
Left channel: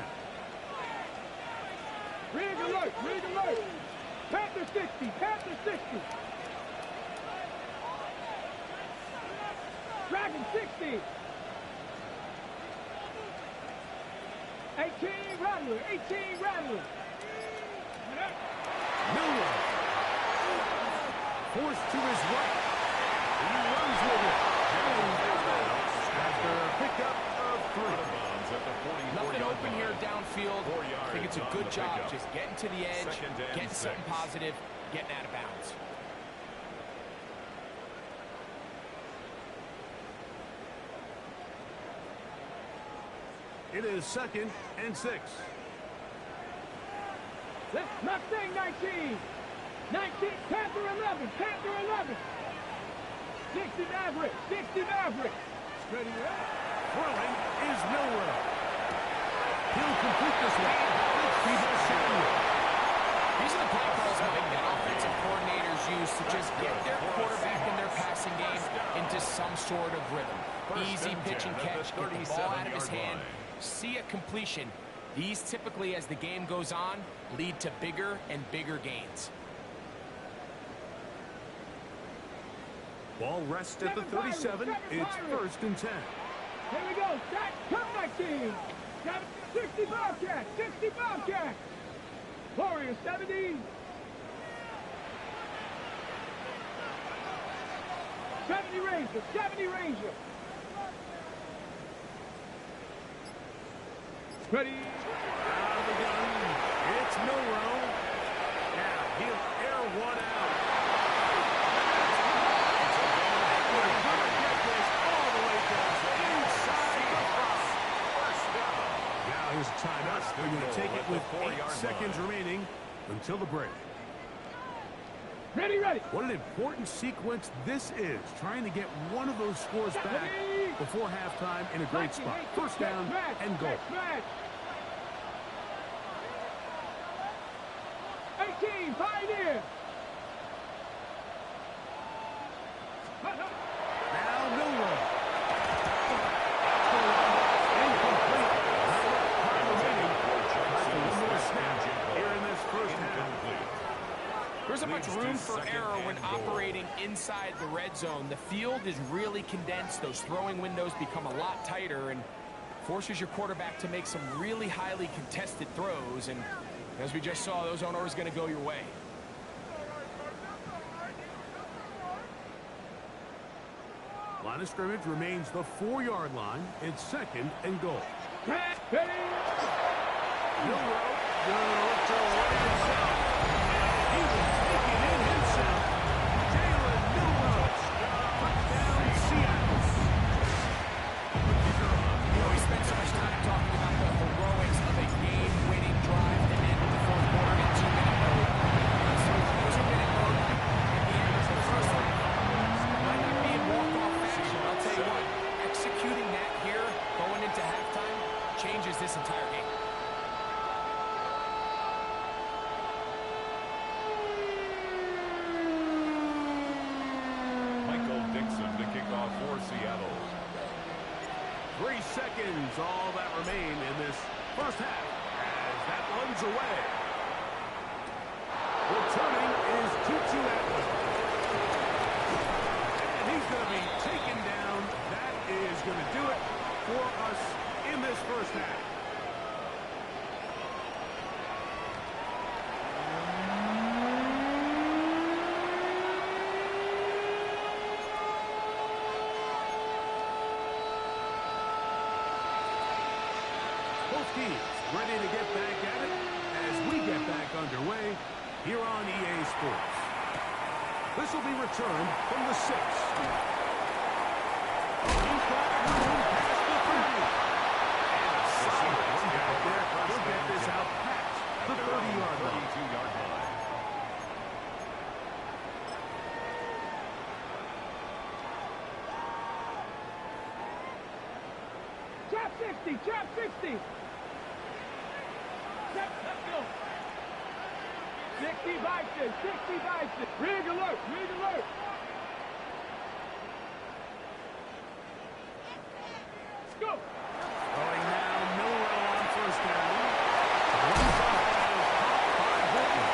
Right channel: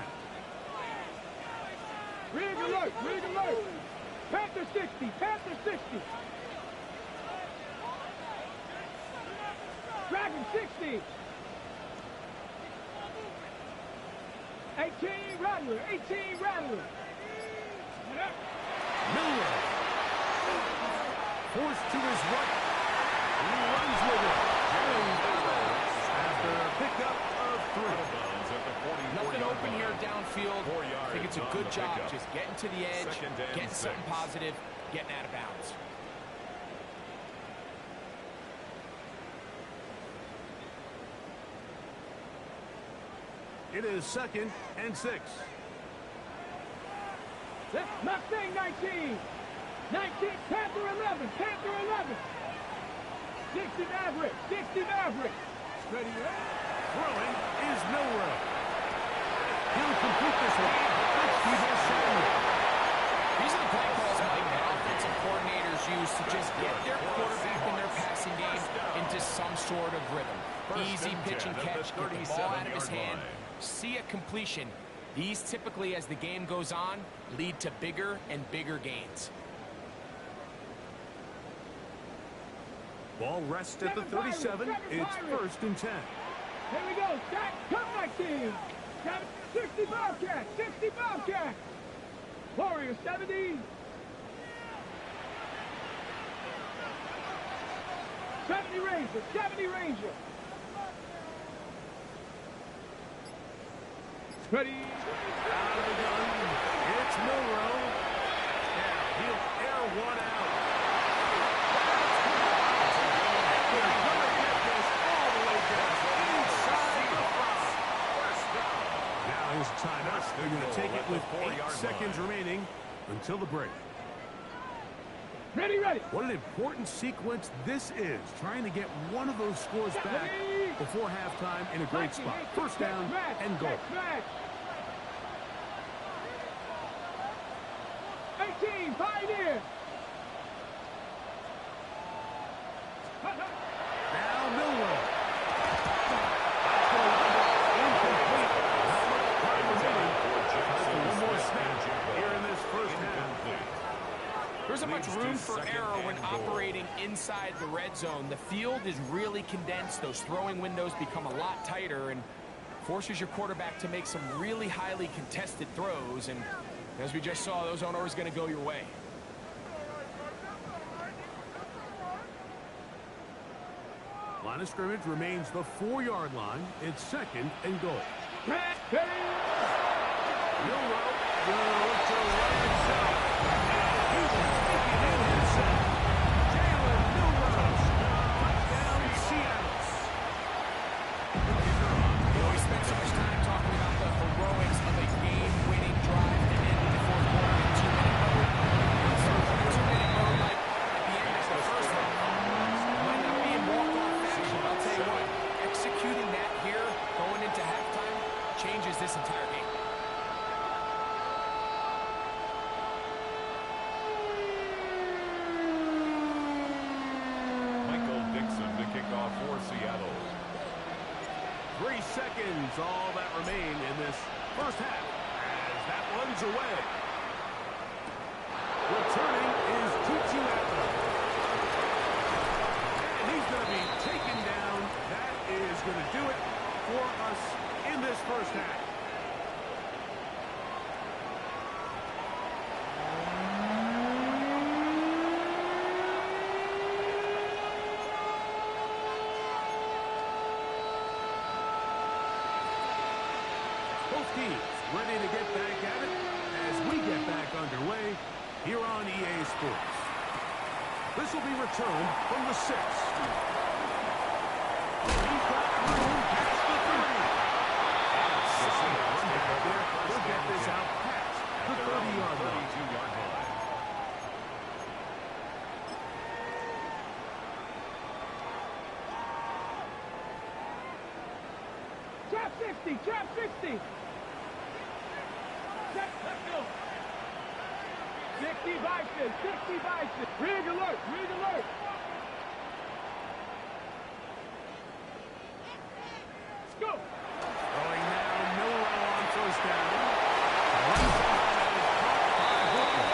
Rig alert. Panther 60. Panther 60. Dragon 60. 18 Rattler. Milroe. Forced to his right. He runs with it. After a pickup of 3. Out of bounds at the 44-yard Nothing open line. here downfield. 4 I think it's a yards good on the job pickup. just getting to the edge, Second and getting something 6. positive, getting out of bounds. It is second and 6. Mustang 19. 19 Panther 11. 60 Maverick. Ready. Throwing is Milroe. He'll complete this one. It's Deebo Samuel. These are the play calls, Mike, that offensive coordinators use to just get their quarterback and their passing game into some sort of rhythm. Easy pitch and catch, get the ball out of his hand, see a completion. These typically, as the game goes on, lead to bigger and bigger gains. Ball rests at the 37. It's first and 10. Here we go. Come back team. 60 Bobcats. Warriors 70. 70 Ranger. Ready. Out of the gun. It's Milroe. Now he'll air one out. We're going to get this all the way down inside the 5. First down. Now here's a timeout. They're going to take it with 8 seconds remaining until the break. Ready. What an important sequence this is, trying to get one of those scores back before halftime in a great spot. First down and goal. in. Now Milroe. That's going to wind up incomplete. Not much time remaining. One more snap here in this first half. There's a much room for error when operating inside the red zone. The field is really condensed. Those throwing windows become a lot tighter and forces your quarterback to make some really highly contested throws. And as we just saw, those aren't always going to go your way. Line of scrimmage remains the 4-yard line. It's 2nd and goal. Milroe gonna look to right himself. He will take it in himself. Jalen Milroe. Touchdown, Seattle. You know, we spent so much time talking about the heroics of a game-winning drive to end the fourth quarter in 2-minute mode. Let's talk about a 2-minute mode like at the end of the first half. Might not be in walk-off fashion, but I'll tell you what, executing that here, going into halftime, changes this entire game. Michael Dixon to kick off for Seattle. 3 seconds, all that remain in this first half as that one's away. Returning is Tutu Atwell. And he's going to be taken down. That is going to do it for us in this first half. Both teams ready to get back at it as we get back underway here on EA Sports. This will be returned from the 6. Oh, he's got room past the 30. And a solid run back there. He'll get this out past the 30-yard line. 32-yard line. Trap 60, trap 60. Let's go. 60 Bison, 60 Bison. Rig alert, rig alert. Let's go. Throwing now, Milroe on first down. One shot that is caught by Hooker.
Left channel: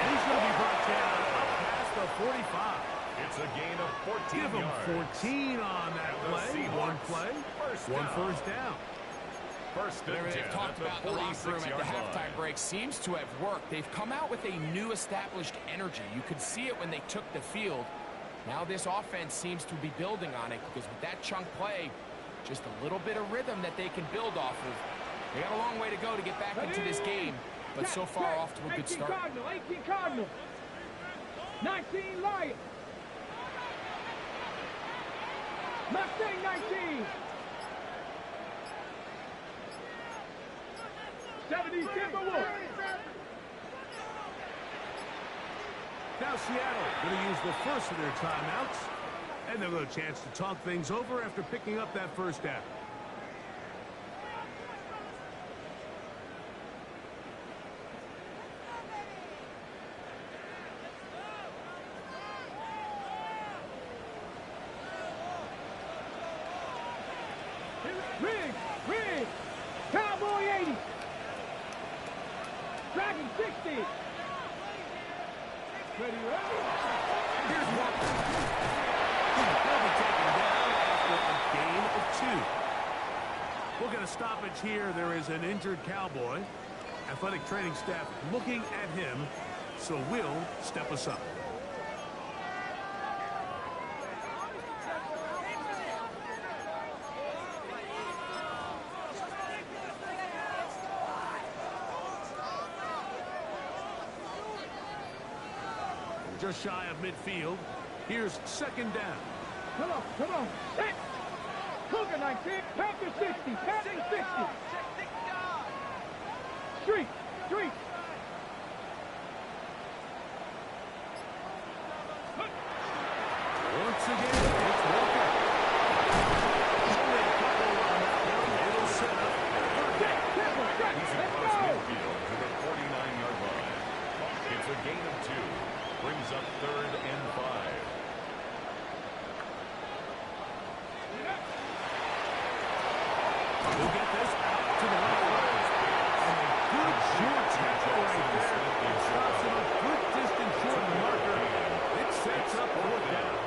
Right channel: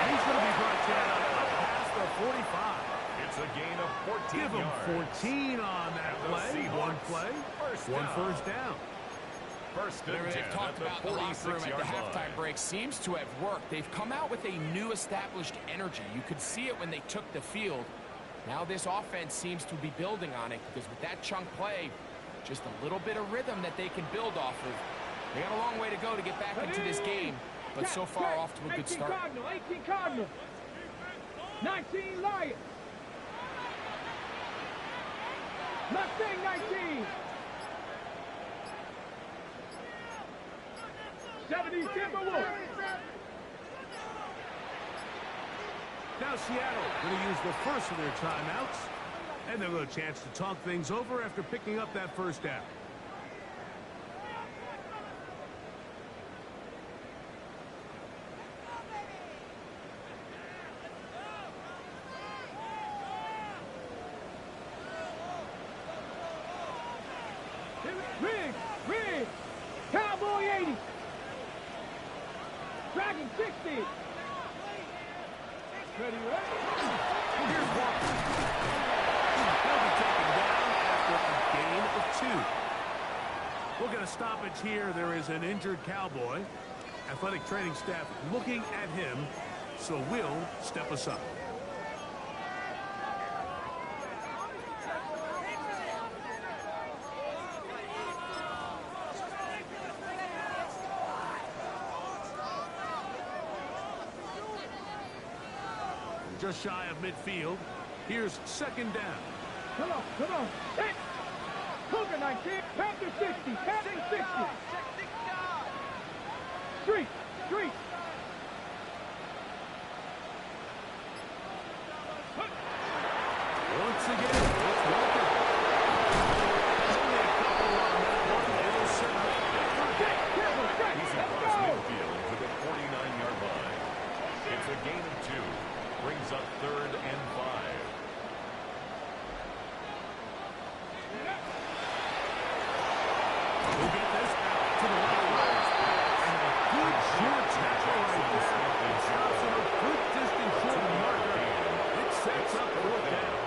And he's going to be brought down up past the 45. It's a gain of 14 Give him yards. 14 on that play. One play, one first down. First and 10 They've talked at about the the locker room at the 46-yard halftime line. break seems to have worked. They've come out with a new established energy. You could see it when they took the field. Now this offense seems to be building on it because with that chunk play, just a little bit of rhythm that they can build off of. They got a long way to go to get back into this game, but so far off to a good start. 18 Cardinal, 19 Lions. Mustang 19. 70 Timberwolves. Now Seattle going to use the first of their timeouts, and they'll have a chance to talk things over after picking up that first down. Rig, Cowboy 80. Dragon 60. Ready? Here's Walker. He'll be taken down after a gain of 2. We'll get a stoppage here. There is an injured Cowboy. Athletic training staff looking at him, so we'll step aside. Just shy of midfield. Here's second down. Come on. Set. Cougar 19. Panther 60. Panther 60. Street. Once again, it's Walker. Only a couple on that one. It'll set up third down. He's across midfield to the 49-yard line. It's a a gain of 2. Brings up 3rd and 5. He'll get this out to the left side. And a good short tackle right there. It stops him a good distance short of the marker. It sets up 4th down.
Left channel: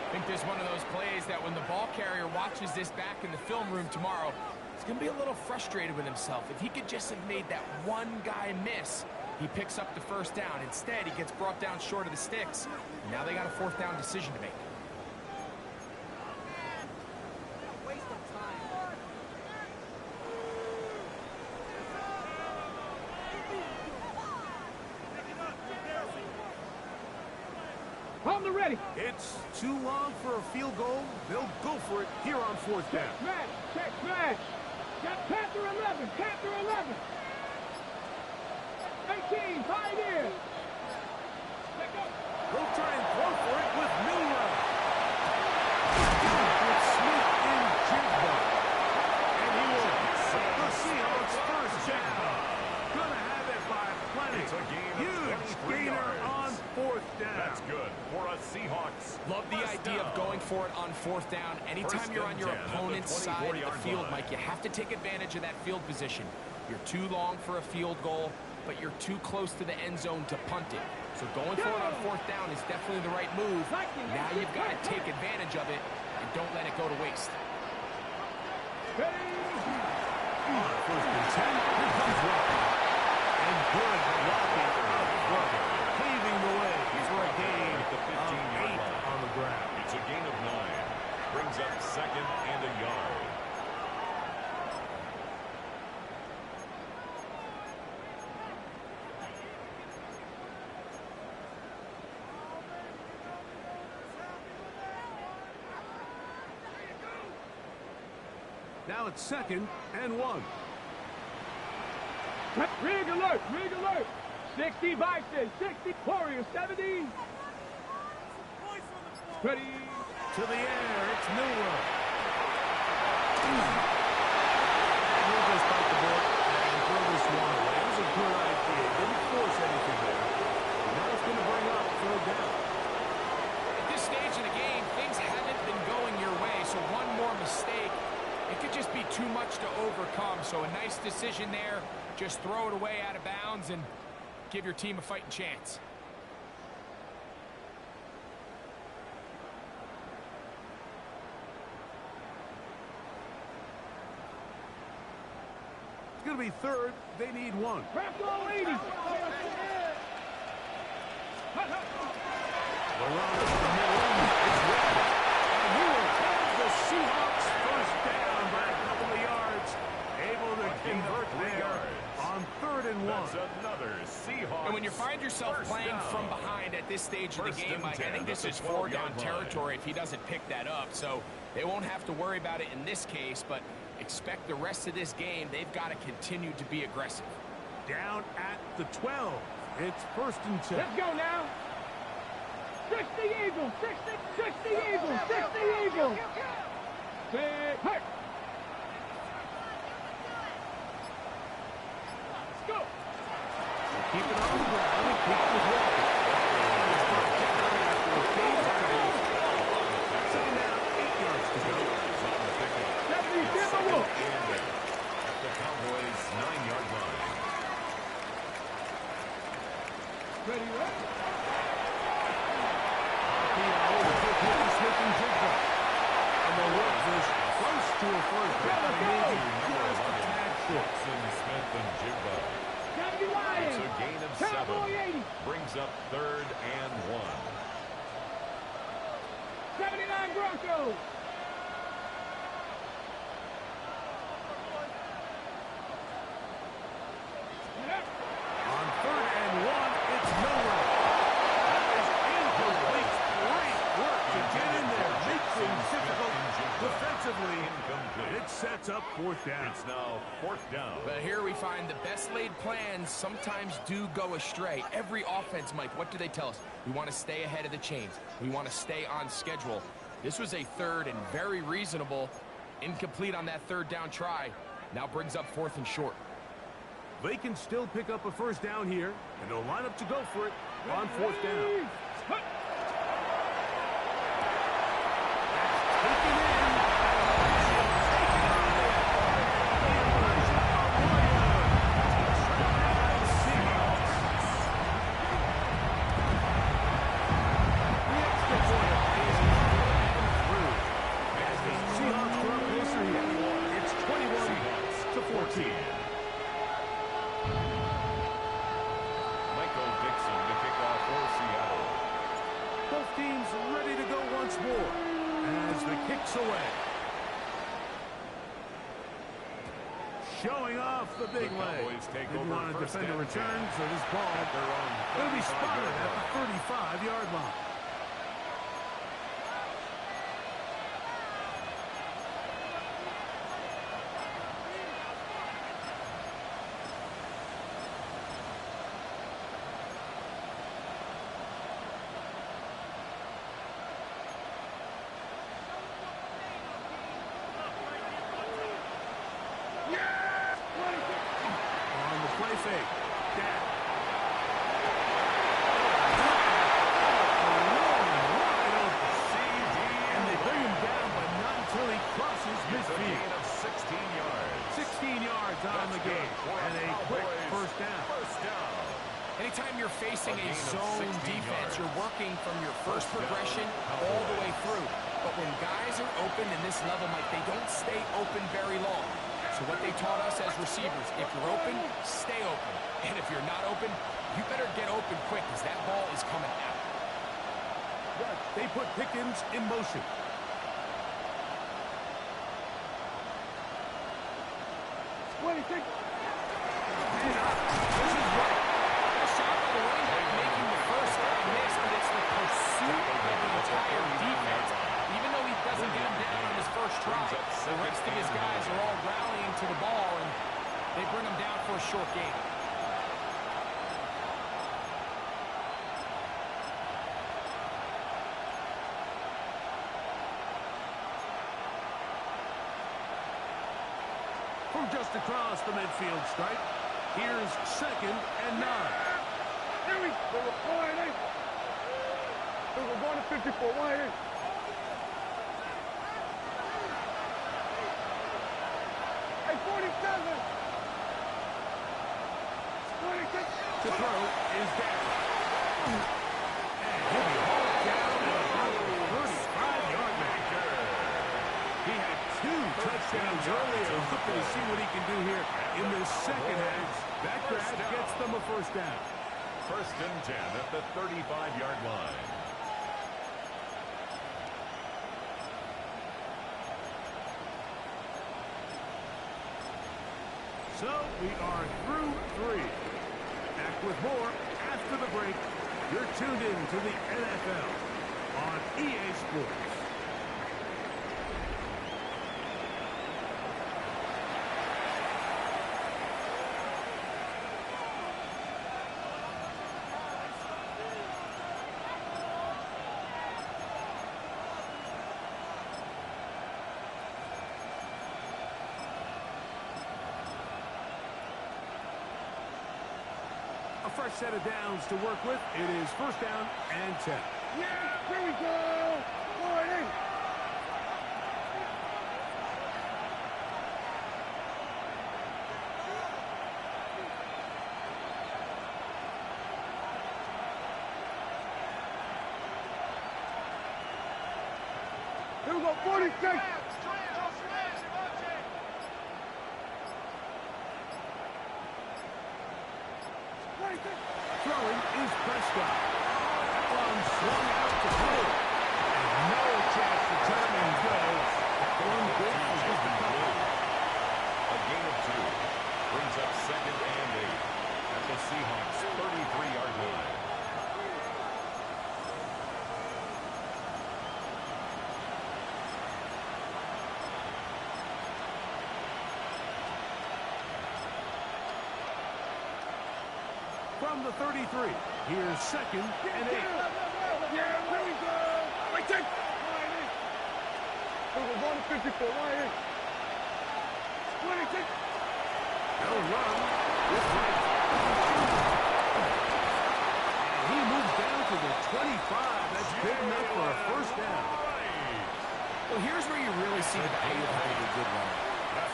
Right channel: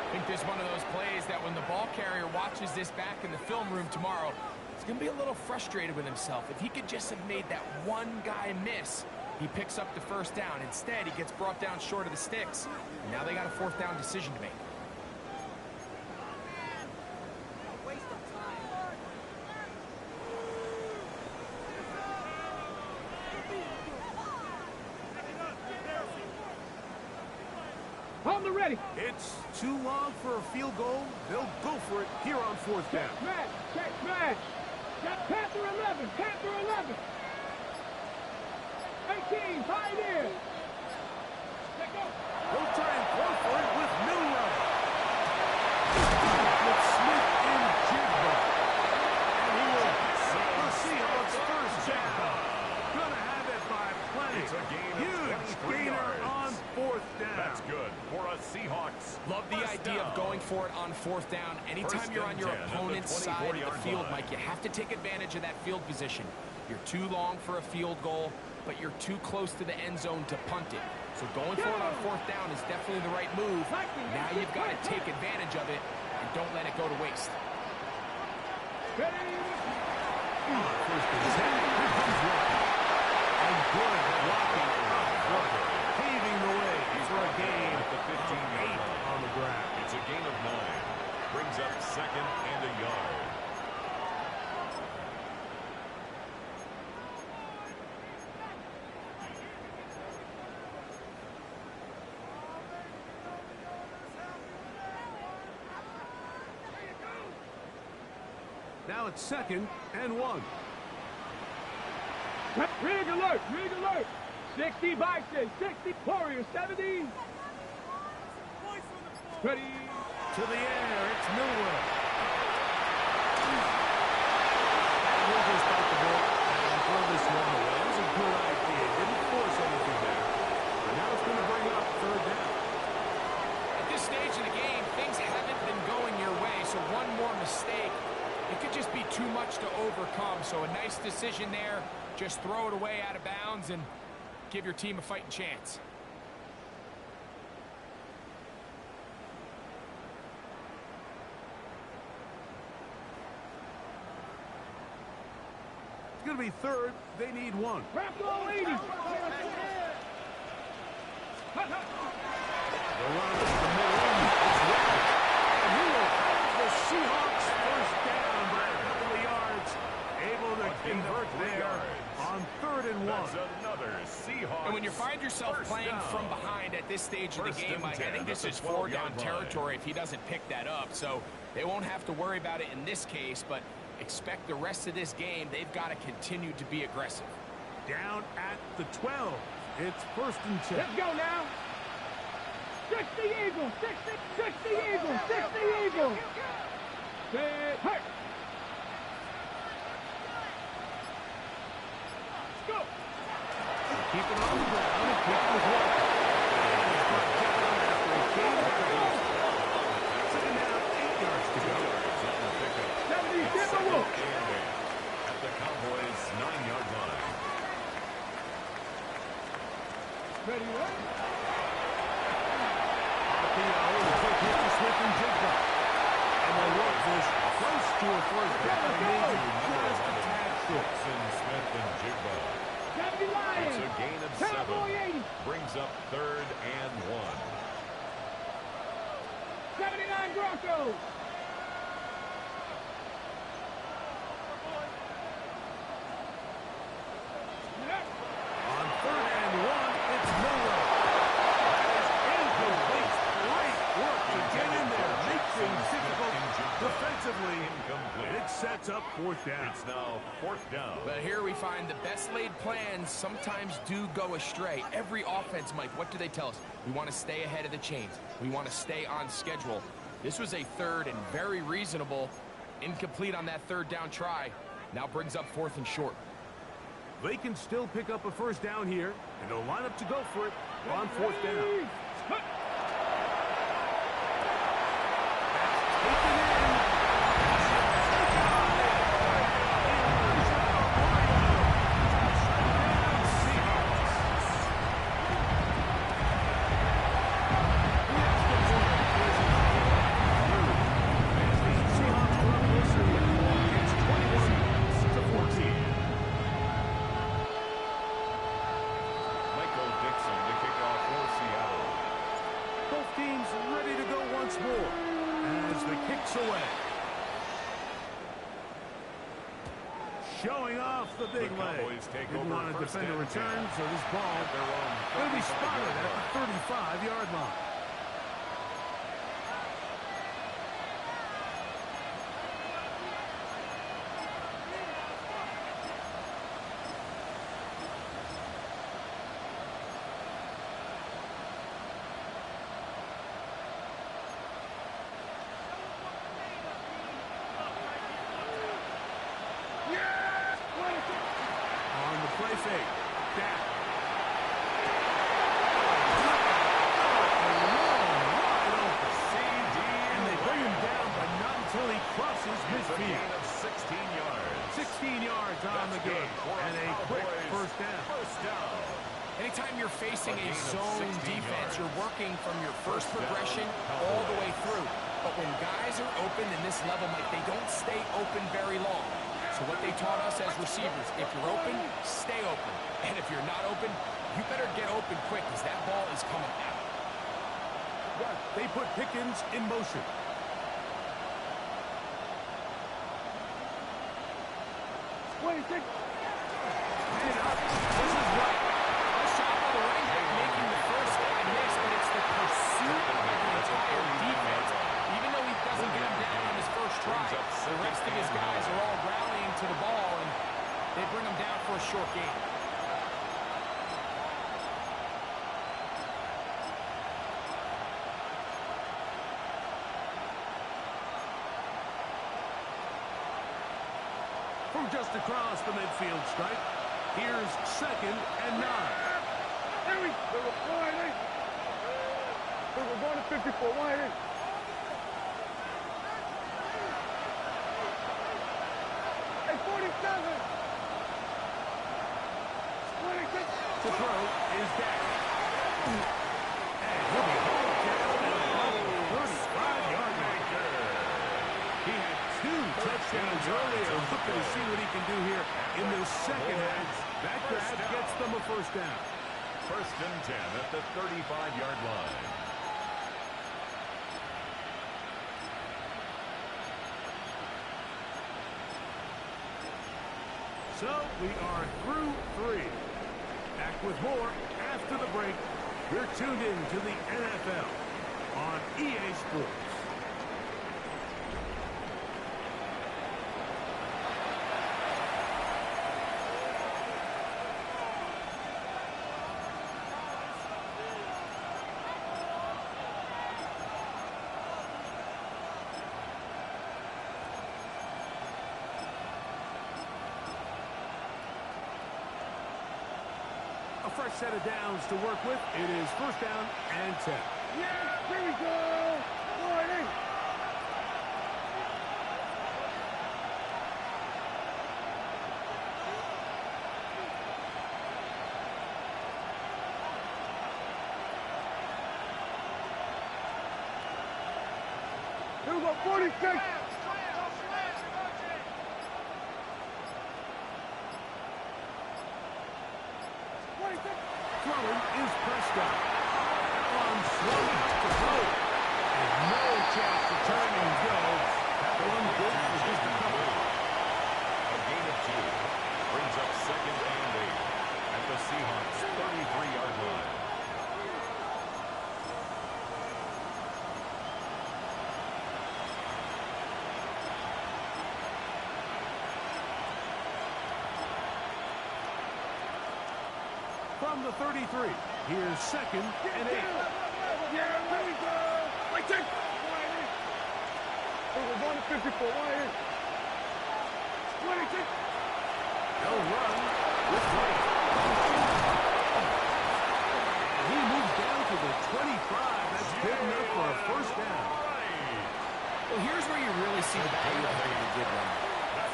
I think this is one of those plays that when the ball carrier watches this back in the film room tomorrow, he's going to be a little frustrated with himself. If he could just have made that one guy miss, he picks up the 1st down. Instead, he gets brought down short of the sticks. Now they got a 4th down decision to make. Ready. It's too long for a field goal. They'll go for it here on 4th down. Check smash. Got Panther 11. Panther 11. 18. Pioneer. Let go. They'll try and throw for it with Milroe. With Smith in Jigba. And he will pick the Seahawks 1st down. Gonna have it by plenty. It's a gain of huge 23 gainer yards. on 4th down. That's good for a Seahawks. Love the idea of going for it on 4th down. Anytime you're on your opponent's side of the field, Mike, you have to take advantage of that field position. You're too long for a field goal, but you're too close to the end zone to punt it. So going for it on 4th down is definitely the right move. Now you've got to take advantage of it and don't let it go to waste. On 1st and 10, here comes Walker. And good blocking up front, paving the way for a gain at the 15-yard 8 line. on the ground. It's a gain of 9. Brings up 2nd and a yard. Now it's 2nd and 1. Rig alert. Rig alert. 60 Bison. 60 Warrior. 70. Ready. To the air, it's Milroe. And he'll just bite the bullet and throw this one away. It was a good idea. Didn't force anything there. But now it's going to bring up 3rd down. At this stage of the game, things haven't been going your way, so one more mistake, it could just be too much to overcome. So a nice decision there. Just throw it away out of bounds and give your team a fighting chance. It's going to be 3rd. They need 1. Wrap all 80. The run up the middle. It's rapid. And he will have the Seahawks 1st down by a couple of yards. Able to convert there on 3rd and 1. That's another Seahawks. And when you find yourself playing from behind at this stage of the game, Mike, I think this is 4-down territory if he doesn't pick that up. So they won't have to worry about it in this case, but expect the rest of this game, they've got to continue to be aggressive. Down at the 12. It's 1st and 10. Let's go now. 60 Eagles. 60 Eagles. 60 Eagles. Sit. Hurt. Go. Keep it on the ground and keep it with Walker. And it's brought down after a gain of 3. 2nd down, 8 yards to go. 2 yards on the pickup. 70 It's 2nd Timberwolves. and 8 at the Cowboys' 9-yard line. Ready, ready. RPO, the quick hit to Smith and Jigba. And they'll work this close to a 1st down. They need you just a tad short. Dixon, Smith, and Jigba. 70 Lions. It's a gain of Cowboy 7. 80. Brings up 3rd and 1. 79 Broncos. On 3rd and 1, it's Milroe. That is incomplete. Great work to get in there. Make things difficult defensively. Incomplete. It sets up 4th down. It's now 4th down. But here we find the best laid plans sometimes do go astray. Every offense, Mike, what do they tell us? We want to stay ahead of the chains. We want to stay on schedule. This was a 3rd and very reasonable. Incomplete on that 3rd down try. Now brings up 4th and short. They can still pick up a first down here, and they'll line up to go for it on fourth down. That's taken in. Taken on it. Elijah Arroyo. Touchdown Seahawks. The extra point is up and through. As the Seahawks draw closer here, it's 21-14. Dixon to kick off for Seattle. Both teams ready to go once more as the kick's away. Showing off the big leg. Didn't want to defend a return, so this ball going to be spotted at the 35-yard line. On the play fake. Dak. Wide open. CD. And they bring him down, but not until he crosses midfield. A gain of 16 yards. 16 yards on the game. And a quick first down. First down. Anytime you're facing a zone defense, you're working from your first progression all the way through. But when guys are open in this level, Mike, they don't stay open very long. So what they taught us as receivers, if you're open, stay open. And if you're not open, you better get open quick because that ball is coming out. They put Pickens in motion. And up. This is right. Nice shot by the running back making the first guy miss, but it's the pursuit by the entire defense. Even though he doesn't get him down on his first try, the rest of his guys are all rallying to the ball, and they bring him down for a short gain. From just across the midfield stripe, here's 2nd and 9. Here we go. We're going to 54. Wide in. Hey, 47. 26. To throw is Dak. And he'll be hauled down at about the 35-yard line. He had 2 touchdowns earlier. Looking to see what he can do here in the second half. That grab gets them a first down. First and 10 at the 35-yard line. So we are through 3. Back with more after the break. You're tuned in to the NFL on EA Sports. A fresh set of downs to work with. It is first down and 10. Yeah, here we go. Wide in. Here we go, 46. Throwing is Prescott. That one swung out to Blue. And no chance to turn and go. That one good for just a couple. A gain of 2. Brings up 2nd and 8 at the Seahawks' 33-yard line. From the 33, here's 2nd and 8. Yeah, here we go. Wait, take. Wide in. We're going to 54. Wide in. 26. They'll run with right. And he moves down to the 25. That's good enough for a first down. Well, here's where you really see the value of having a good run.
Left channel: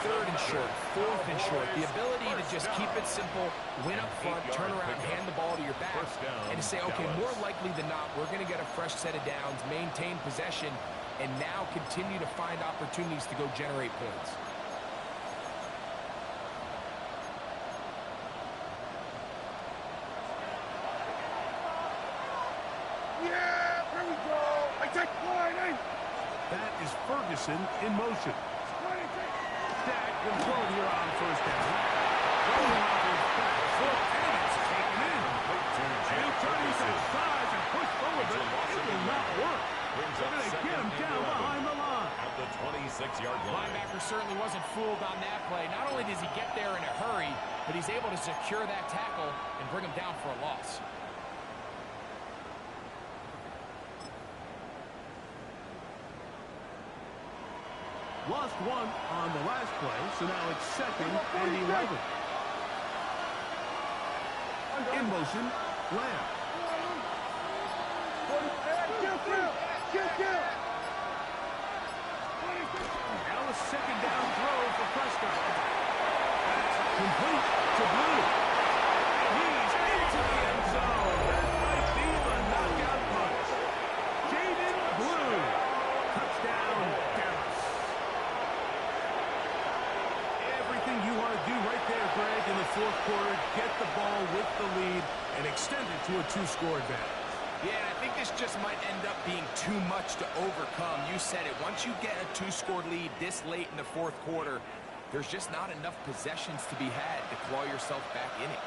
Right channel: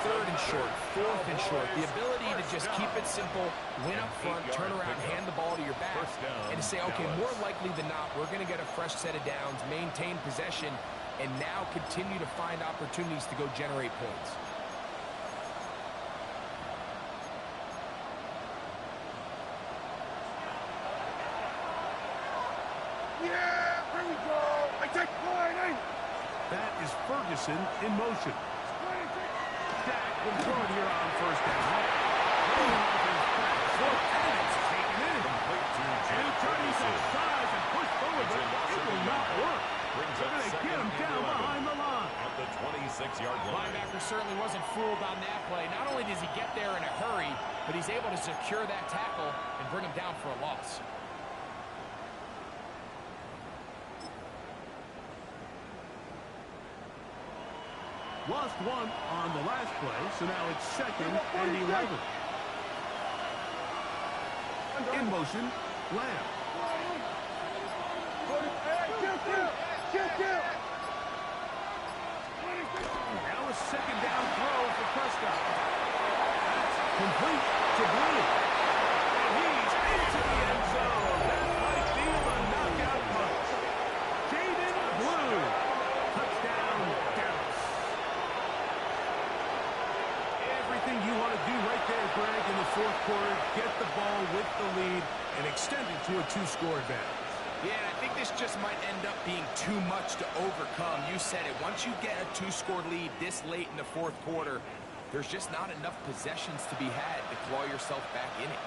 Third and short, fourth and short. The ability to just keep it simple, win up front, turn around, hand the ball to your back, and to say, okay, more likely than not, we're going to get a fresh set of downs, maintain possession, and now continue to find opportunities to go generate points. Yeah, here we go. I take line. That is Ferguson in motion. Dak can throw it here on first down. Throwing off his back foot, and it's taken in. And he'll try to use that size and push forward, but it will not work. They're going to get him down behind the line. At the 26-yard line. Linebacker certainly wasn't fooled on that play. Not only does he get there in a hurry, but he's able to secure that tackle and bring him down for a loss. Lost one on the last play, so now it's 2nd and 11. In motion, Lamb. Now a second down throw for Prescott. That's complete to Blue. And he's into the end zone. That might be the knockout punch. Jaden Blue. Touchdown, Dallas. Everything you want to do right there, Greg, in the fourth quarter. Get the ball with the lead and extend it to a 2-score advantage. Yeah, and I think this just might end up being too much to overcome. You said it. Once you get a 2-score lead this late in the fourth quarter, there's just not enough possessions to be had to claw yourself back in it.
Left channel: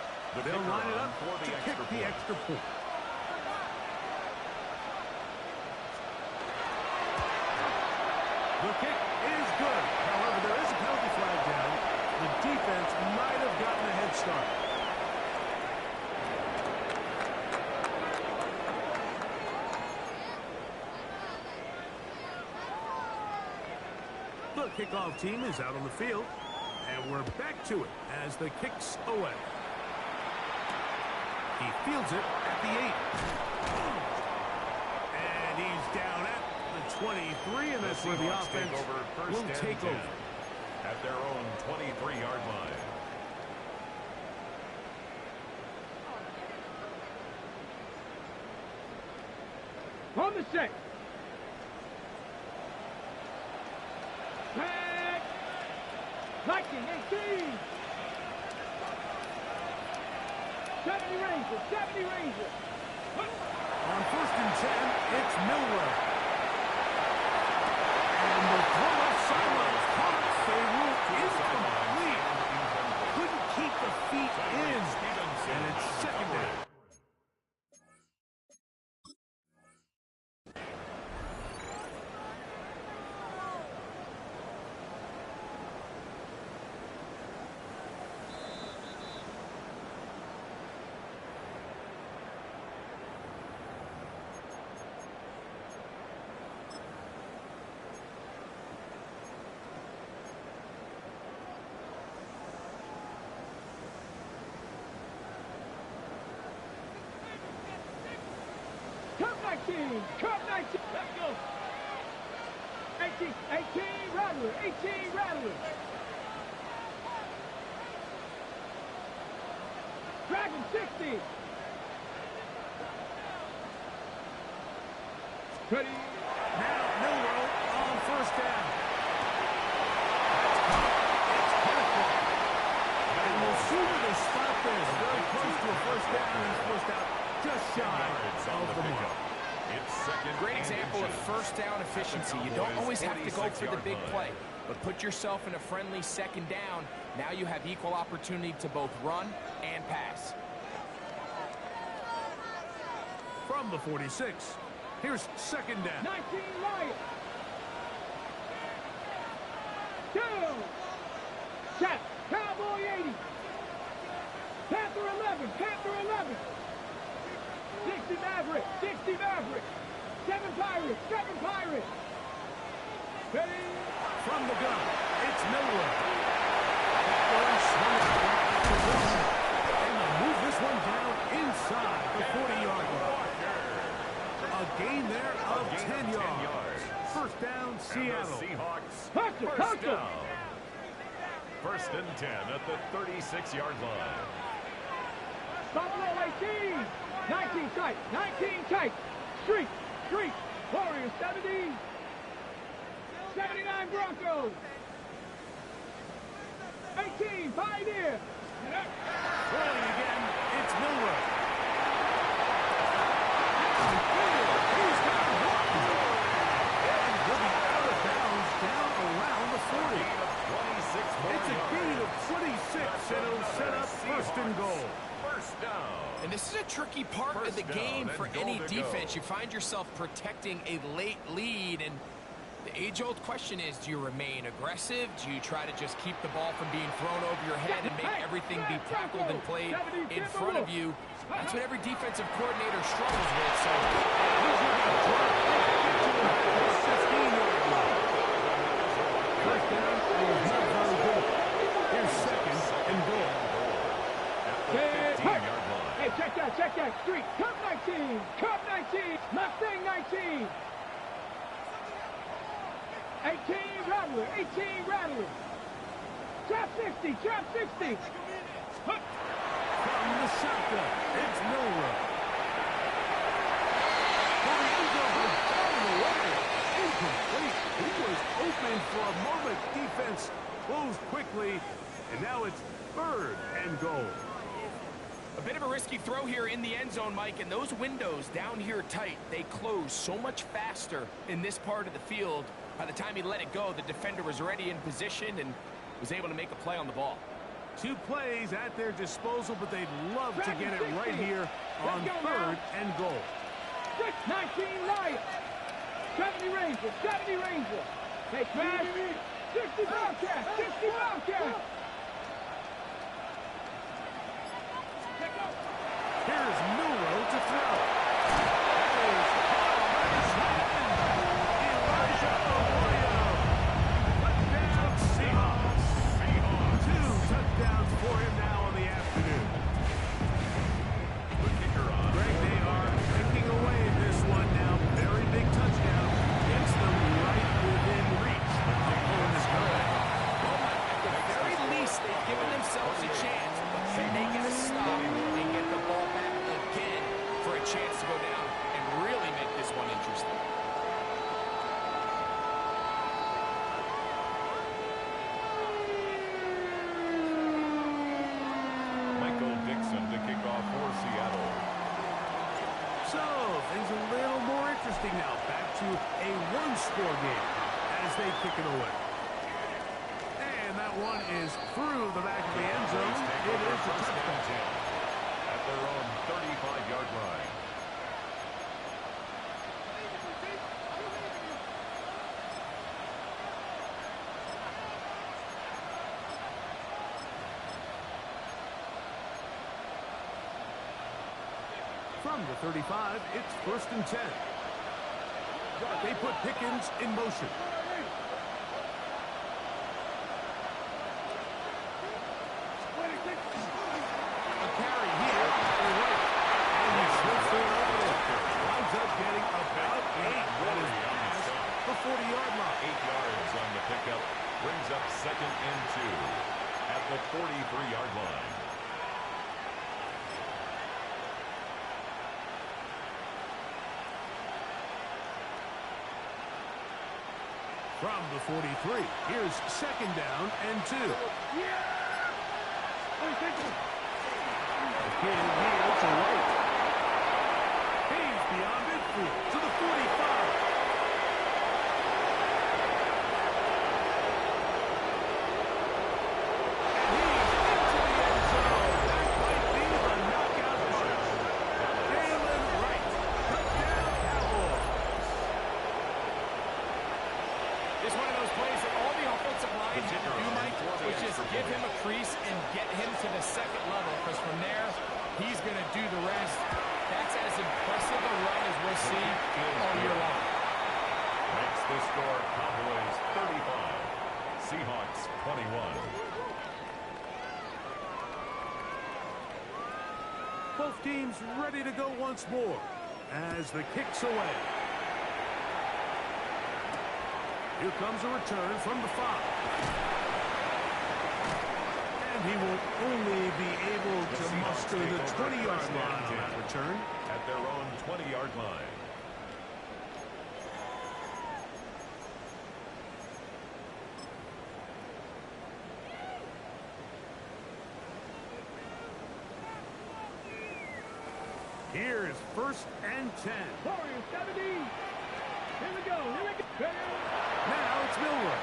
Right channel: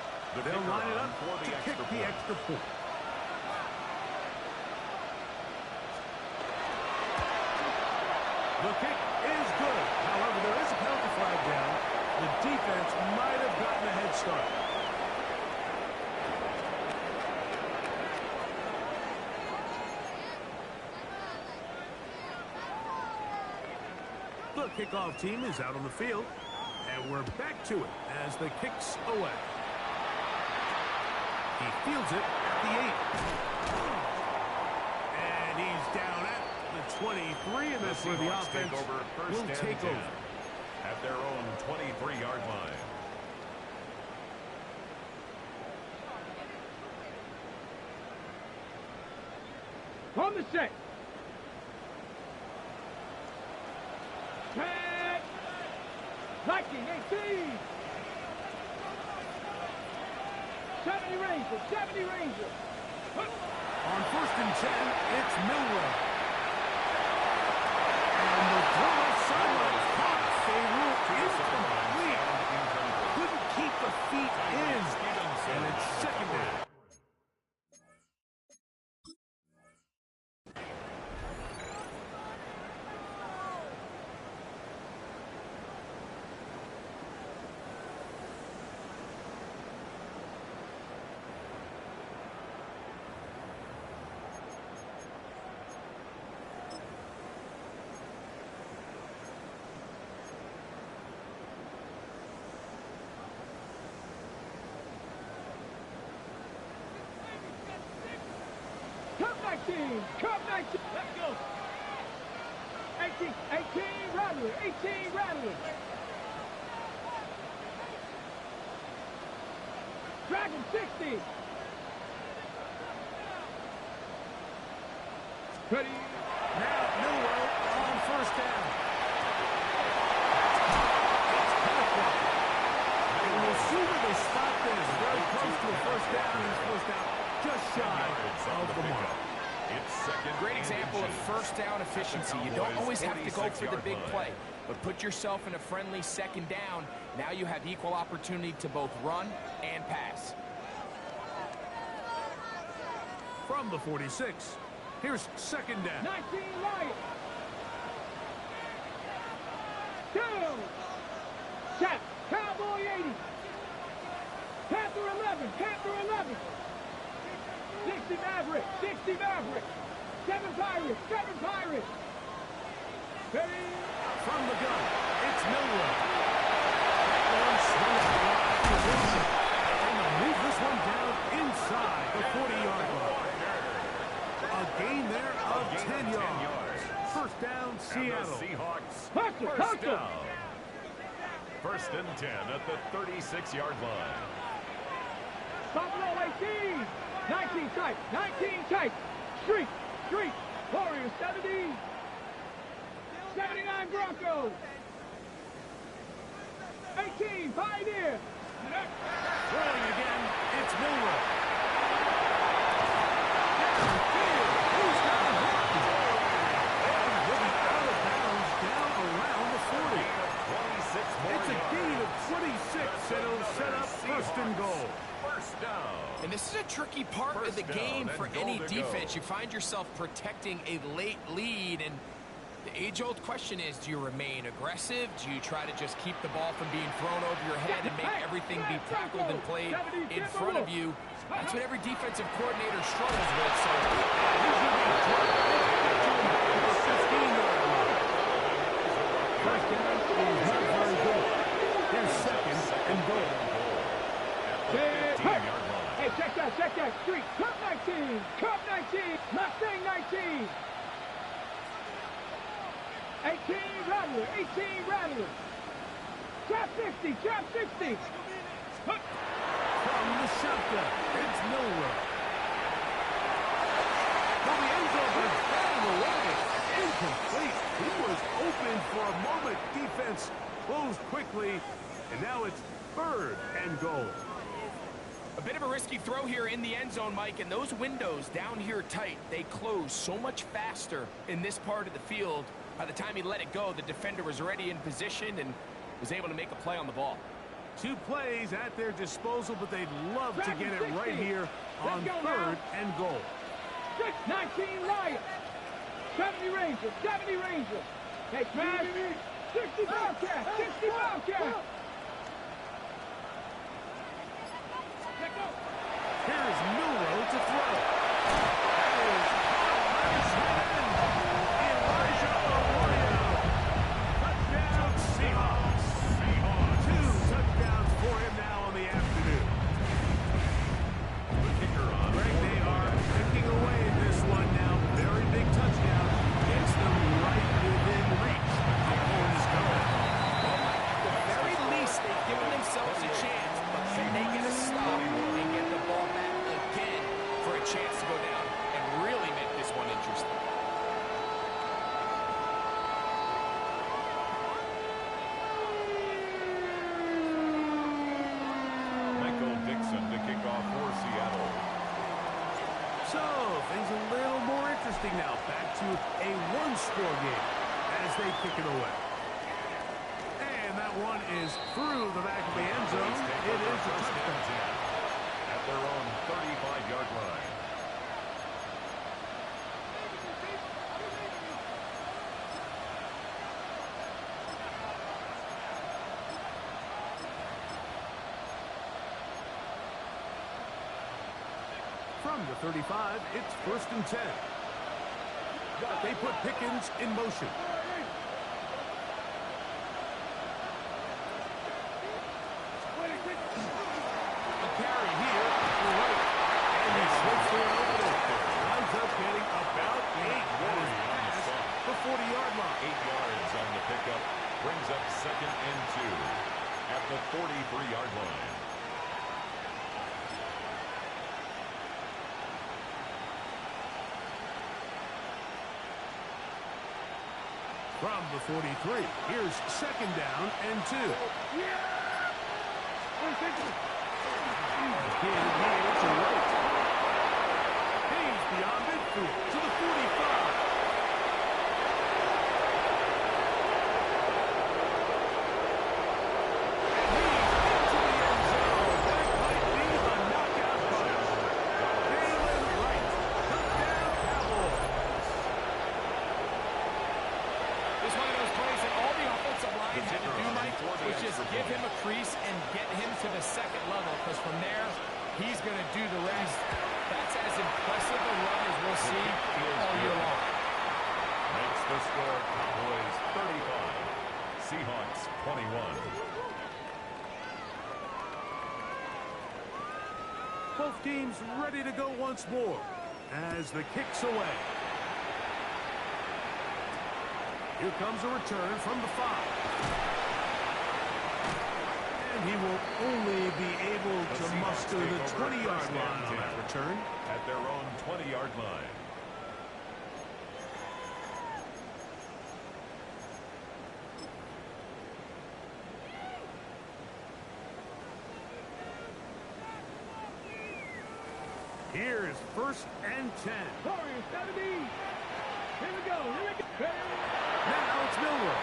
They'll line it up to kick the extra point. The kick is good. However, there is a penalty flag down. The defense might have gotten a head start. The kickoff team is out on the field, and we're back to it as the kick's away. He fields it at the 8. And he's down at the 23, and that's where the offense will take over. At their own 23-yard line. On the set. Back. Viking 18. 70 Rangers. 70 Rangers. On 1st and 10, it's Milroe. And the throw left sideline is caught. They rule incomplete. Couldn't keep the feet in. And it's 2nd down. Cup 19. Let's go. 18 Rattler. 18 Rattler. Dragon 60. Ready. Now Milroe on 1st down. It's Pennycourt. And we'll see where they spot this. Very close to a 1st down. He's forced out just shy of the mark. It's 2nd. Great example of 1st down efficiency. You don't always have to go for the big play, but put yourself in a friendly 2nd down. Now you have equal opportunity to both run and pass. From the 46, here's 2nd down. 19 Lions. 2. Tap. Cowboy 80. Panther 11. Panther 11. 60 Maverick. 60 Maverick. 7 Pirates. 7 Pirates. Ready. From the gun, it's Milroe. one swung out after one. And they'll move this one down inside the 40-yard line. A gain there of 10 yards. First down, Seattle. Seahawks. First down. First and 10 at the 36-yard line. Buffalo 18. 19 tight. 19 tight. Street. Warriors 70. 79 Broncos. 18 Pioneer. Throwing again, it's Milroe. Downfield, he's got one. And he'll be out of bounds down around the 40. It's a gain of 26, and it'll set up first and goal. First down. And this is a tricky part of the game for any defense. You find yourself protecting a late lead, and the age-old question is, do you remain aggressive? Do you try to just keep the ball from being thrown over your head and make everything be tackled and played in front of you? That's what every defensive coordinator struggles with. So He's going to be dropped. Get to the 15-yard line. First down is not very good. Here's second and goal. At the 15-yard line. Hey, check that. Street. Cup 19. Mustang 19. 18 Rattler. Trap 60. From the shotgun, it's Milroe. For the end zone, but it's batted away. Incomplete. He was open for a moment. Defense closed quickly, and now it's third and goal. a bit of a risky throw here in the end zone, Mike, and those windows down here tight, they close so much faster in this part of the field. By the time he let it go, the defender was already in position and was able to make a play on the ball. 2 plays at their disposal, but they'd love to get it right here on third and goal. 19 Lions. 70 Rangers. Hey, smash. 60 Bobcats. Here's Milroe to throw. That is caught by the tight end, Elijah Arroyo. Touchdown, Seahawks. 2 touchdowns for him now on the afternoon. The kicker on. Greg, they are picking away at this one now. Very big touchdown. Gets them right within reach. They're pulling this comeback. Well, Mike, at the very least, they've given themselves a chance, but can they get a stop and get the ball back again for a chance to go down and really make this one interesting? Michael Dixon to kick off for Seattle. So, things a little more interesting now. Back to a one-score game as they kick it away. And that one is through the back of the end zone. It is a touchdown. At their own 35-yard line. From the 35, it's first and 10. They put Pickens in motion. A carry here to the right. And he slips through an opening. Winds up getting about 8. That is past the 40-yard line. 8 yards on the pickup. Brings up second and 2 at the 43-yard line. From the 43, here's second down and 2. Again here to right. He's beyond midfield to the 45. And he's into the end zone. That might be the knockout punch. Jalen Wright. Touchdown, Cowboys. It's one of those plays that all the offensive line had to do, Mike, was just give him a crease and get him to the second level, because from there, he's going to do the rest. That's as impressive a run as we'll see all year long. Makes the score Cowboys 35, Seahawks 21. Both teams ready to go once more as the kick's away. Here comes a return from the 5. And he will only be able to muster the 20-yard line on that return. At their own 20-yard line. Here's 1st and 10. Warriors 70. Here we go. Now it's Milroe.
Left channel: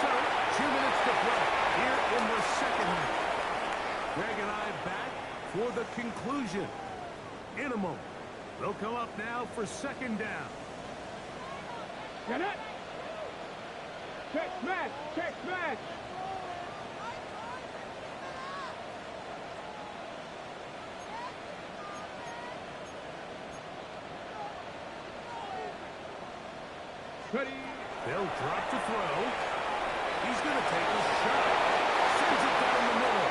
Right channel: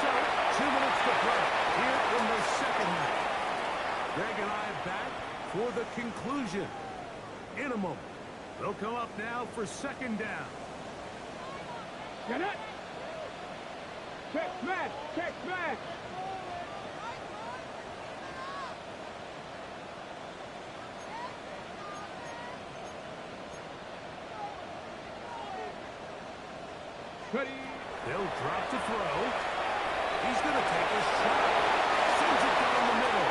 So, 2 minutes to play here in the second half. Greg and I back for the conclusion. In a moment, they'll come up now for 2nd down. Get it. Check smash. Check smash. Ready. They'll drop to throw. He's going to take a shot. Sends it down the middle.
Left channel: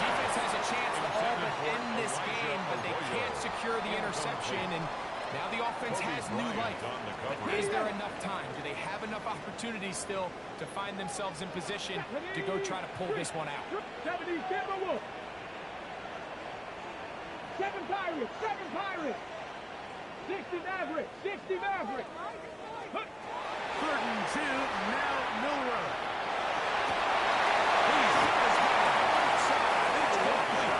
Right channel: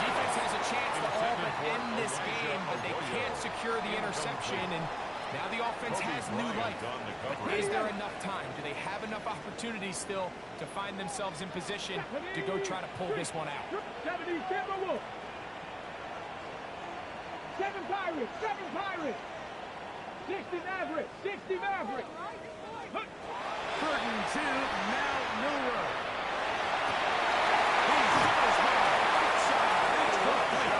Defense has a chance to all but end this game, but they can't secure the interception, and now the offense has new life. But is there enough time? Do they have enough opportunities still to find themselves in position to go try to pull this one out? 70 Timberwolves. 7 Pirates. 7 Pirates. 60 Mavericks. 60 Mavericks. 3rd and 2, now Milroe. He's got his man right side. It's complete.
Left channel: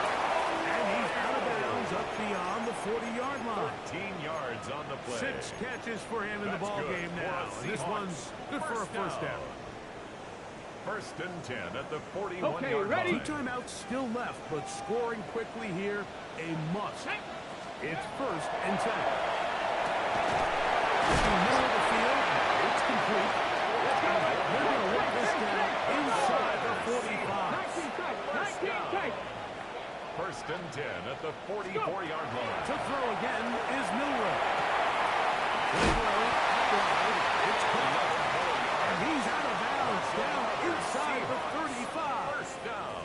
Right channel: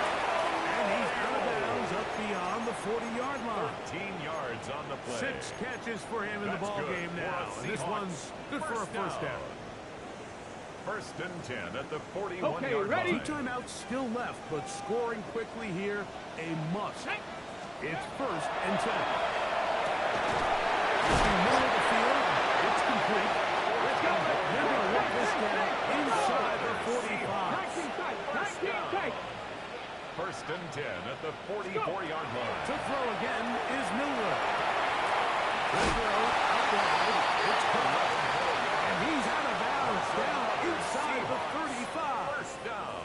And he's out of bounds up beyond the 40-yard line. 13 yards on the play. 6 catches for him in the ball game now. And this one's good for a first down. 1st and 10 at the 41-yard ready? line. 2 timeouts still left, but scoring quickly here, a must. It's 1st and 10. In the middle of the field, it's complete. They're going to work this down inside the 45. 19 tight. 19 tight. 1st and 10 at the 44-yard line. To throw again is Milroe. The throw out wide. It's caught. And he's out of bounds down inside the 35. First down.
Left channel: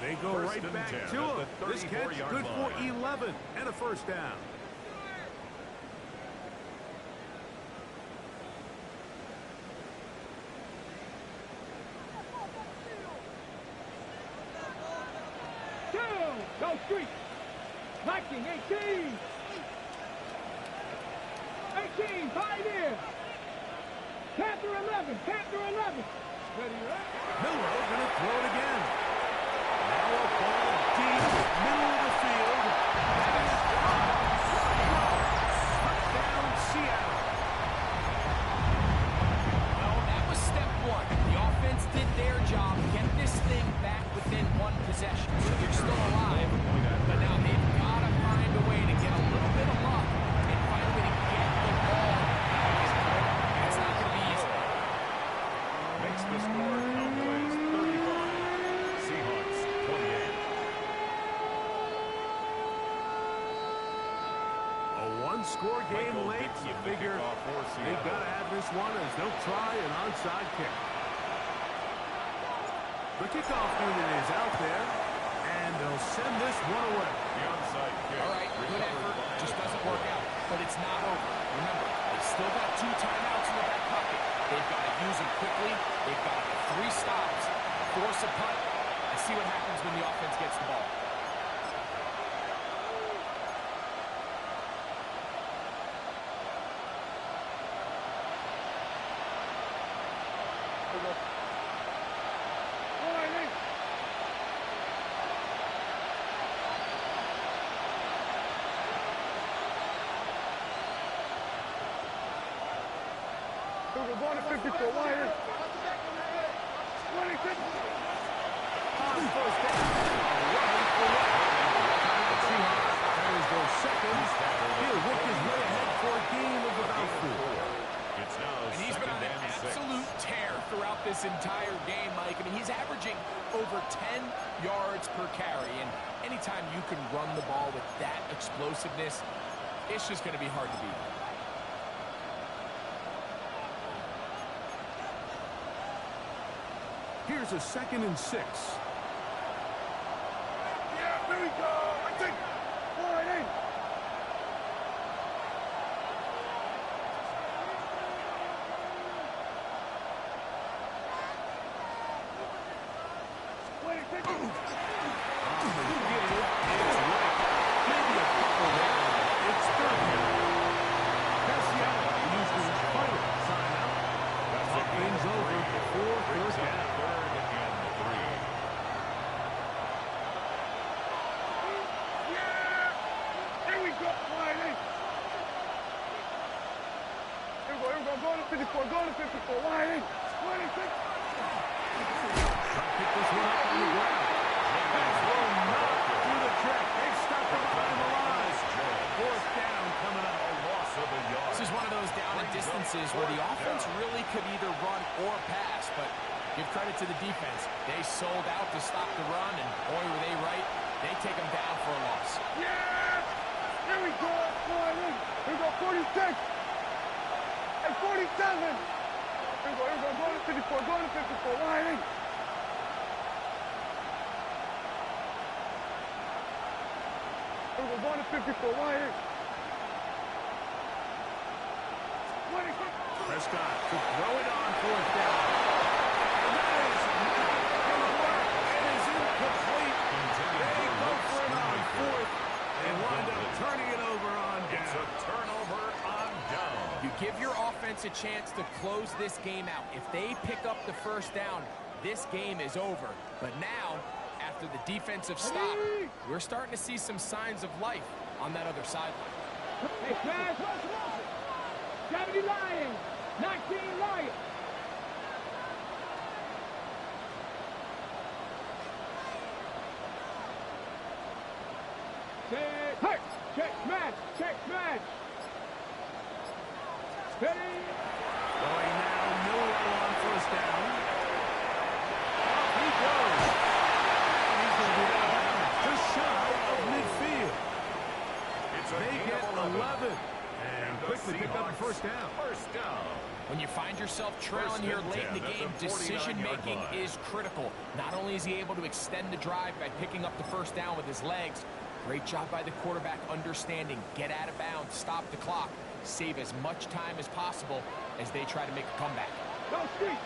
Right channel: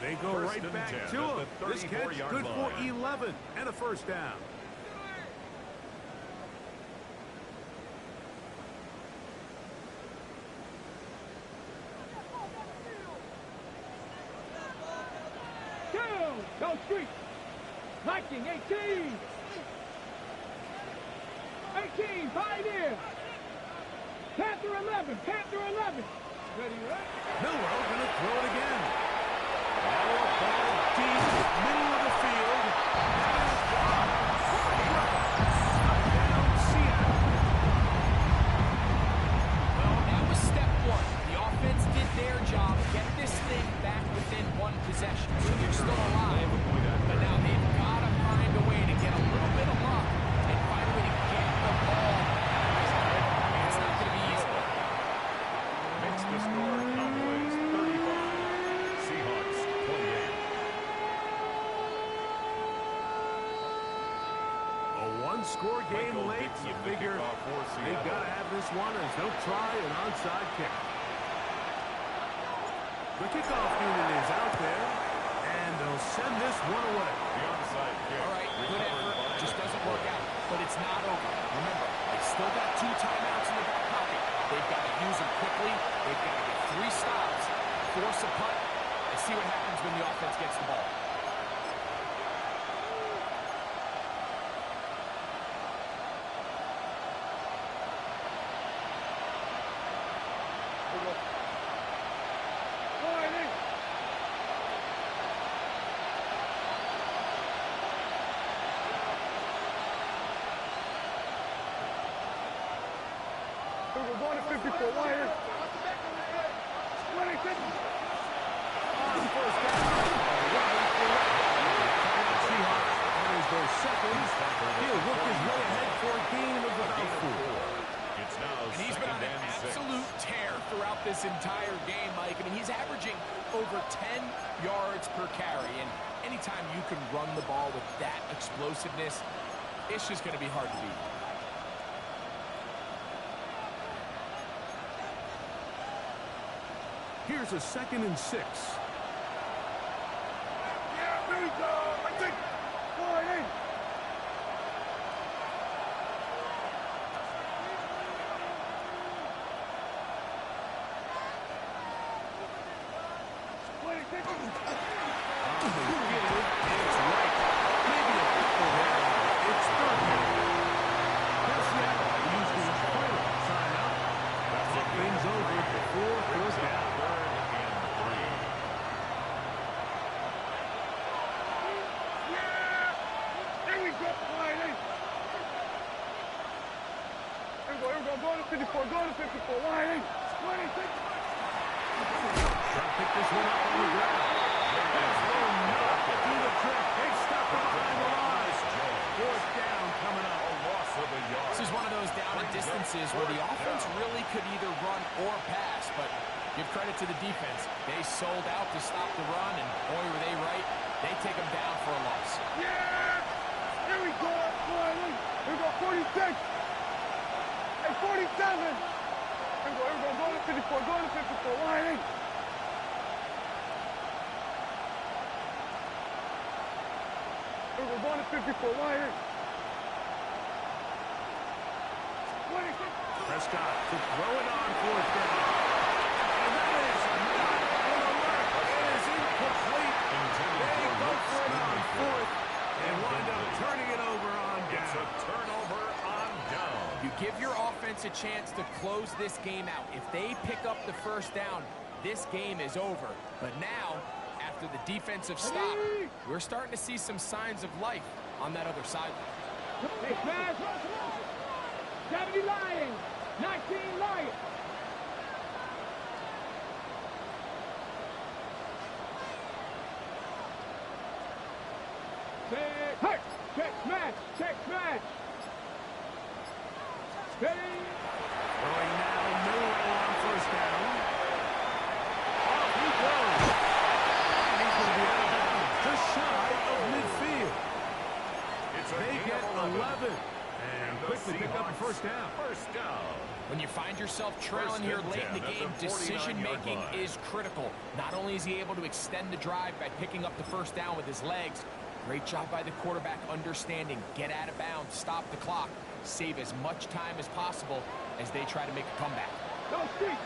They go right back to him. This catch good for 11 and a first down. Go Street. Viking 18. 18. Pioneer. Panther 11. Panther 11. Ready, right? Milroe going to throw it again. Now a ball deep, middle of the field. That is touchdown, Seattle. Well, that was step 1. The offense did their job, get this thing back within 1 possession. So they're still alive, but now they've got to find a way to get a little bit of luck and find a way to get the ball back. It's not going to be easy. Makes the score Cowboys 35, Seahawks 28. A one-score game Michael late. Dixon, You the figure kickoff for they've Seattle. got to have this one as they'll try an onside kick. The kickoff unit is out there, and they'll send this one away. The onside kick. All right, good effort, just doesn't work out. But it's not over. Remember, they've still got 2 timeouts in their back pocket. They've got to use them quickly. They've got to get 3 stops, force a punt, and see what happens when the offense gets the ball. We're going to 54 Warriors. 26. On first down, a run for the Seahawks. That is their second. He'll work his way ahead for a gain of about 4. It's now And he's been on an 2nd and 6. absolute tear throughout this entire game, Mike. I mean, he's averaging over 10 yards per carry. And anytime you can run the ball with that explosiveness, it's just going to be hard to beat. Here's a 2nd and 6. Here we go. I think. Wide in. Wait, take it. On the give, it's right. Maybe a couple there. It's third down. Cassiano used his final timeout. Talk things over before third down. Third and 3. Yeah! Here we go. Wide in. Here we go. Go to 54. Go to 54. Wide in. Wide in. Take it. Trying to pick this one up on the ground. This will not do the trick. They stopped it behind the line. Fourth down coming up. A loss of a yard. This is one of those down and distances where the offense really could either run or pass, but give credit to the defense. They sold out to stop the run, and boy, were they right. They take them down for a loss. Yeah! Here we go. Wide in. Here we go. 46. And 47. Here we go. Go to 54. Go to 54. Wide in. Here we go. Go to 54. Wide in. Prescott to throw it on fourth down. And that is not going to work. It is incomplete. They go for it on fourth and wind up turning it over on down. It's a turnover on down. You give your offense a chance to close this game out. If they pick up the first down, this game is over. But now, after the defensive stop, we're starting to see some signs of life on that other sideline. Hey, Smash. 70 Lions. 19 Lions. Hey! Check smash! Check smash! Steady! Throwing now, Miller on first down. Off he goes. And he's going to be out of bounds, just shy of midfield. It's a They gain get of 11. And quickly pick up the first down. First down. When you find yourself trailing here late in the game, decision-making is critical. Not only is he able to extend the drive by picking up the first down with his legs, great job by the quarterback understanding, get out of bounds, stop the clock, save as much time as possible as they try to make a comeback. Go street!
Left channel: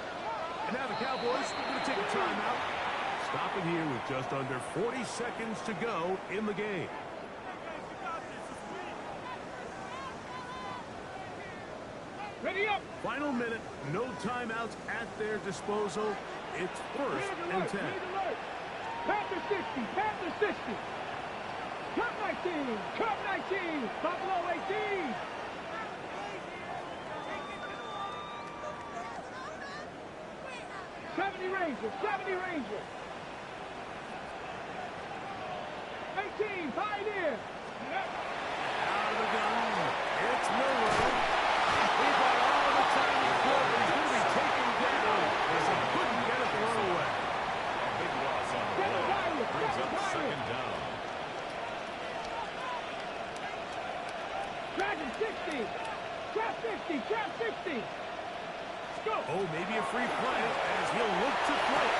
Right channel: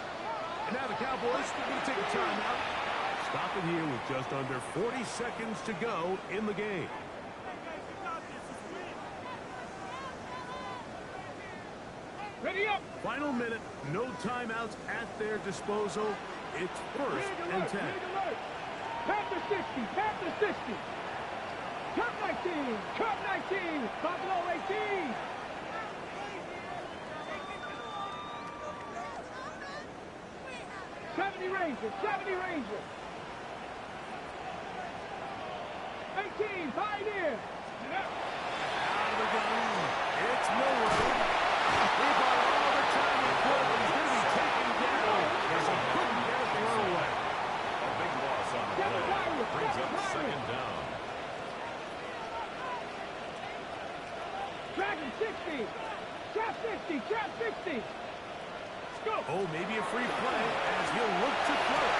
And now the Cowboys are going to take a timeout. Stop it here with just under 40 seconds to go in the game. Ready up! Final minute, no timeouts at their disposal. It's first and 10. Panther 60, Panther 60. Cup 19, Cup 19, Buffalo 18. Rangers, 70 Rangers. 18, Pioneer. Out of the gun, it's Milroe. He bought all the time he could, but he's going to be taken down as he couldn't get a throw away. A big loss on the play. Brings up second down. Dragon 60. Trap 60. Trap 60. Go. Oh, maybe a free play as he'll look to throw it.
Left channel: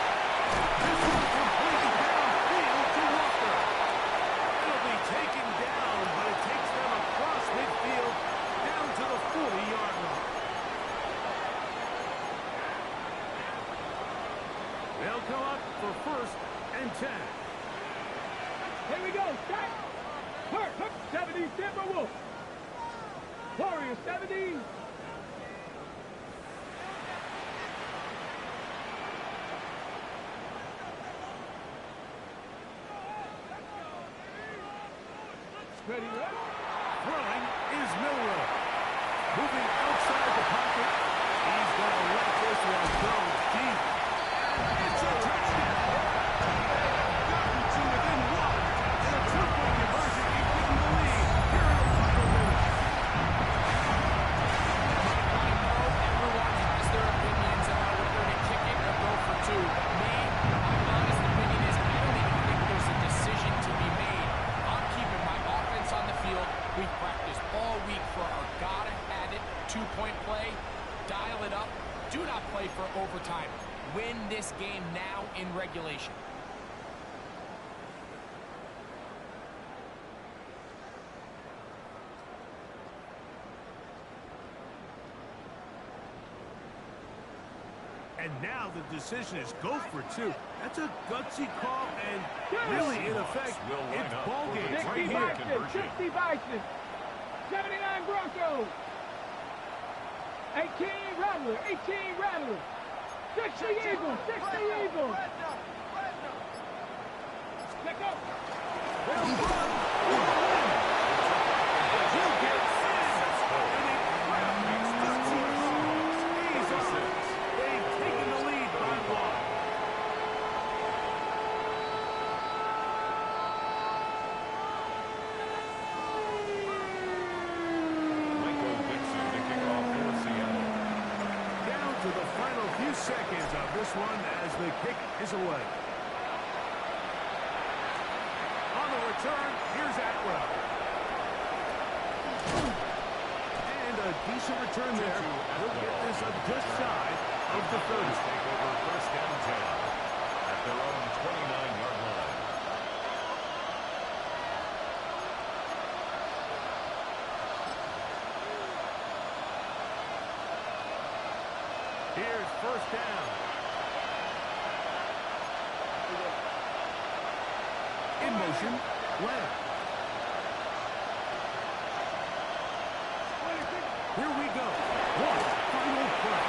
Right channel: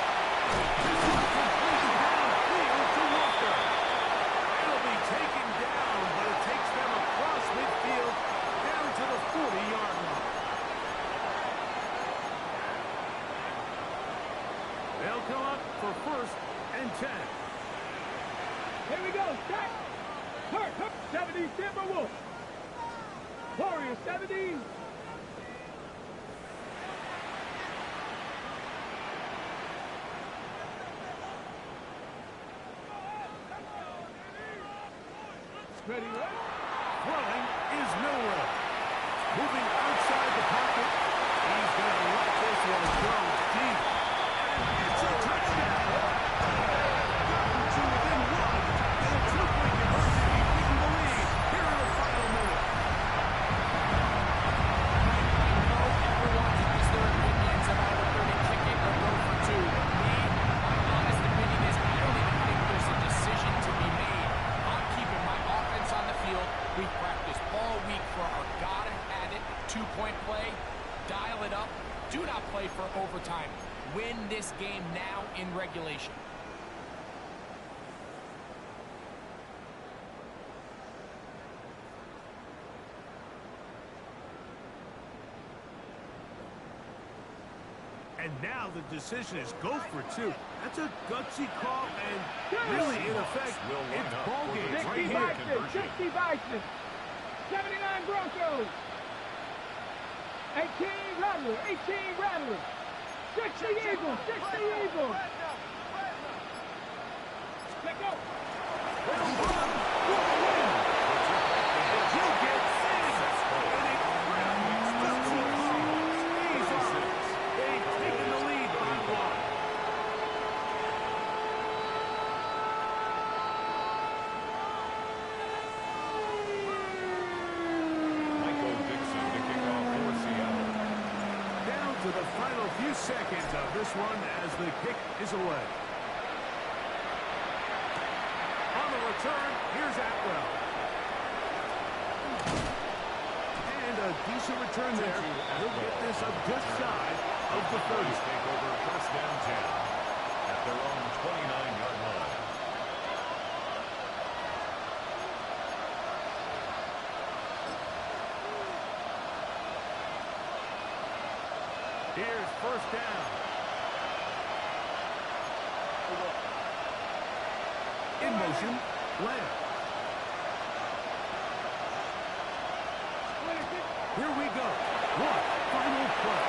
This one completes downfield to Walker. It'll be taken down, but it takes them across midfield down to the 40-yard line. They'll come up for first and 10. Here we go. Stack. Hurt. 70 Timberwolves. Warrior 70. Ready, right? Throwing is Milroe. Moving outside the pocket. He's going to let this one go deep. And it's a touchdown. Gotten to within one. And a two-point conversion keeping the lead here in the final minute. I know everyone has their opinions about whether to kick it or go for two. Me, my honest opinion is I don't even think there's a decision to be made. I'm keeping my offense on the field. We've practiced all week for our gotta-have-it two-point play. Dial it up. Do not play for overtime. Win this game now in regulation. And now the decision is go for two. That's a gutsy call, and really, in effect, it's ball game right 60 here. Bison, 60 Bison, 79 Broncos, 18 Rattler, 18 Rattler, 60 Eagles, 60 Eagles. Let go. Well done for the win. And he'll get in. And it grabs the Seahawks. Stays on. They've taken the lead by one. Michael Dixon to kick off for Seattle. Down to the final few seconds of this one as the kick is away. On the return, here's Atwell. And a decent return there. He'll get this up just shy of the 30. Take over first and 10 at their own 29-yard line. Here's first down. In motion, Lamb. Here we go. One final play.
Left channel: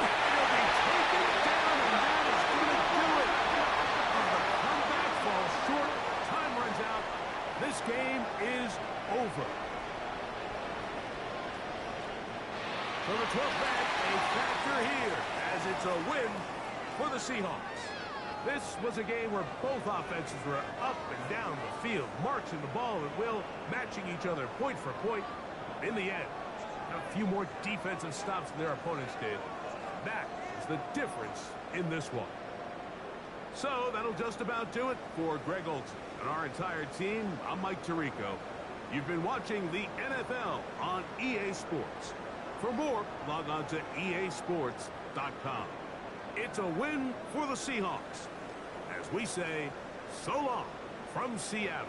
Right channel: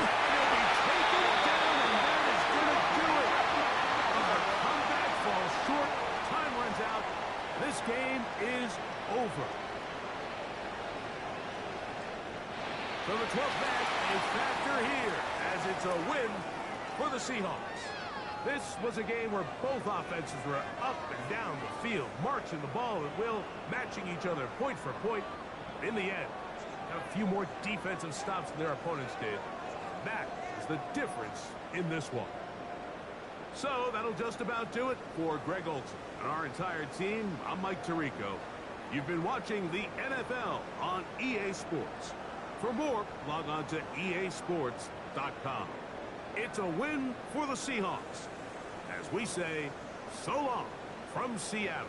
And he'll be taken down, and that is going to do it. The comeback falls short. Time runs out. This game is over. So the 12th back, a factor here, as it's a win for the Seahawks. This was a game where both offenses were up and down the field, marching the ball at will, matching each other point for point. In the end, a few more defensive stops than their opponents did. That is the difference in this one. So that'll just about do it for Greg Olsen and our entire team. I'm Mike Tirico. You've been watching the NFL on EA Sports. For more, log on to easports.com. It's a win for the Seahawks. As we say, so long from Seattle.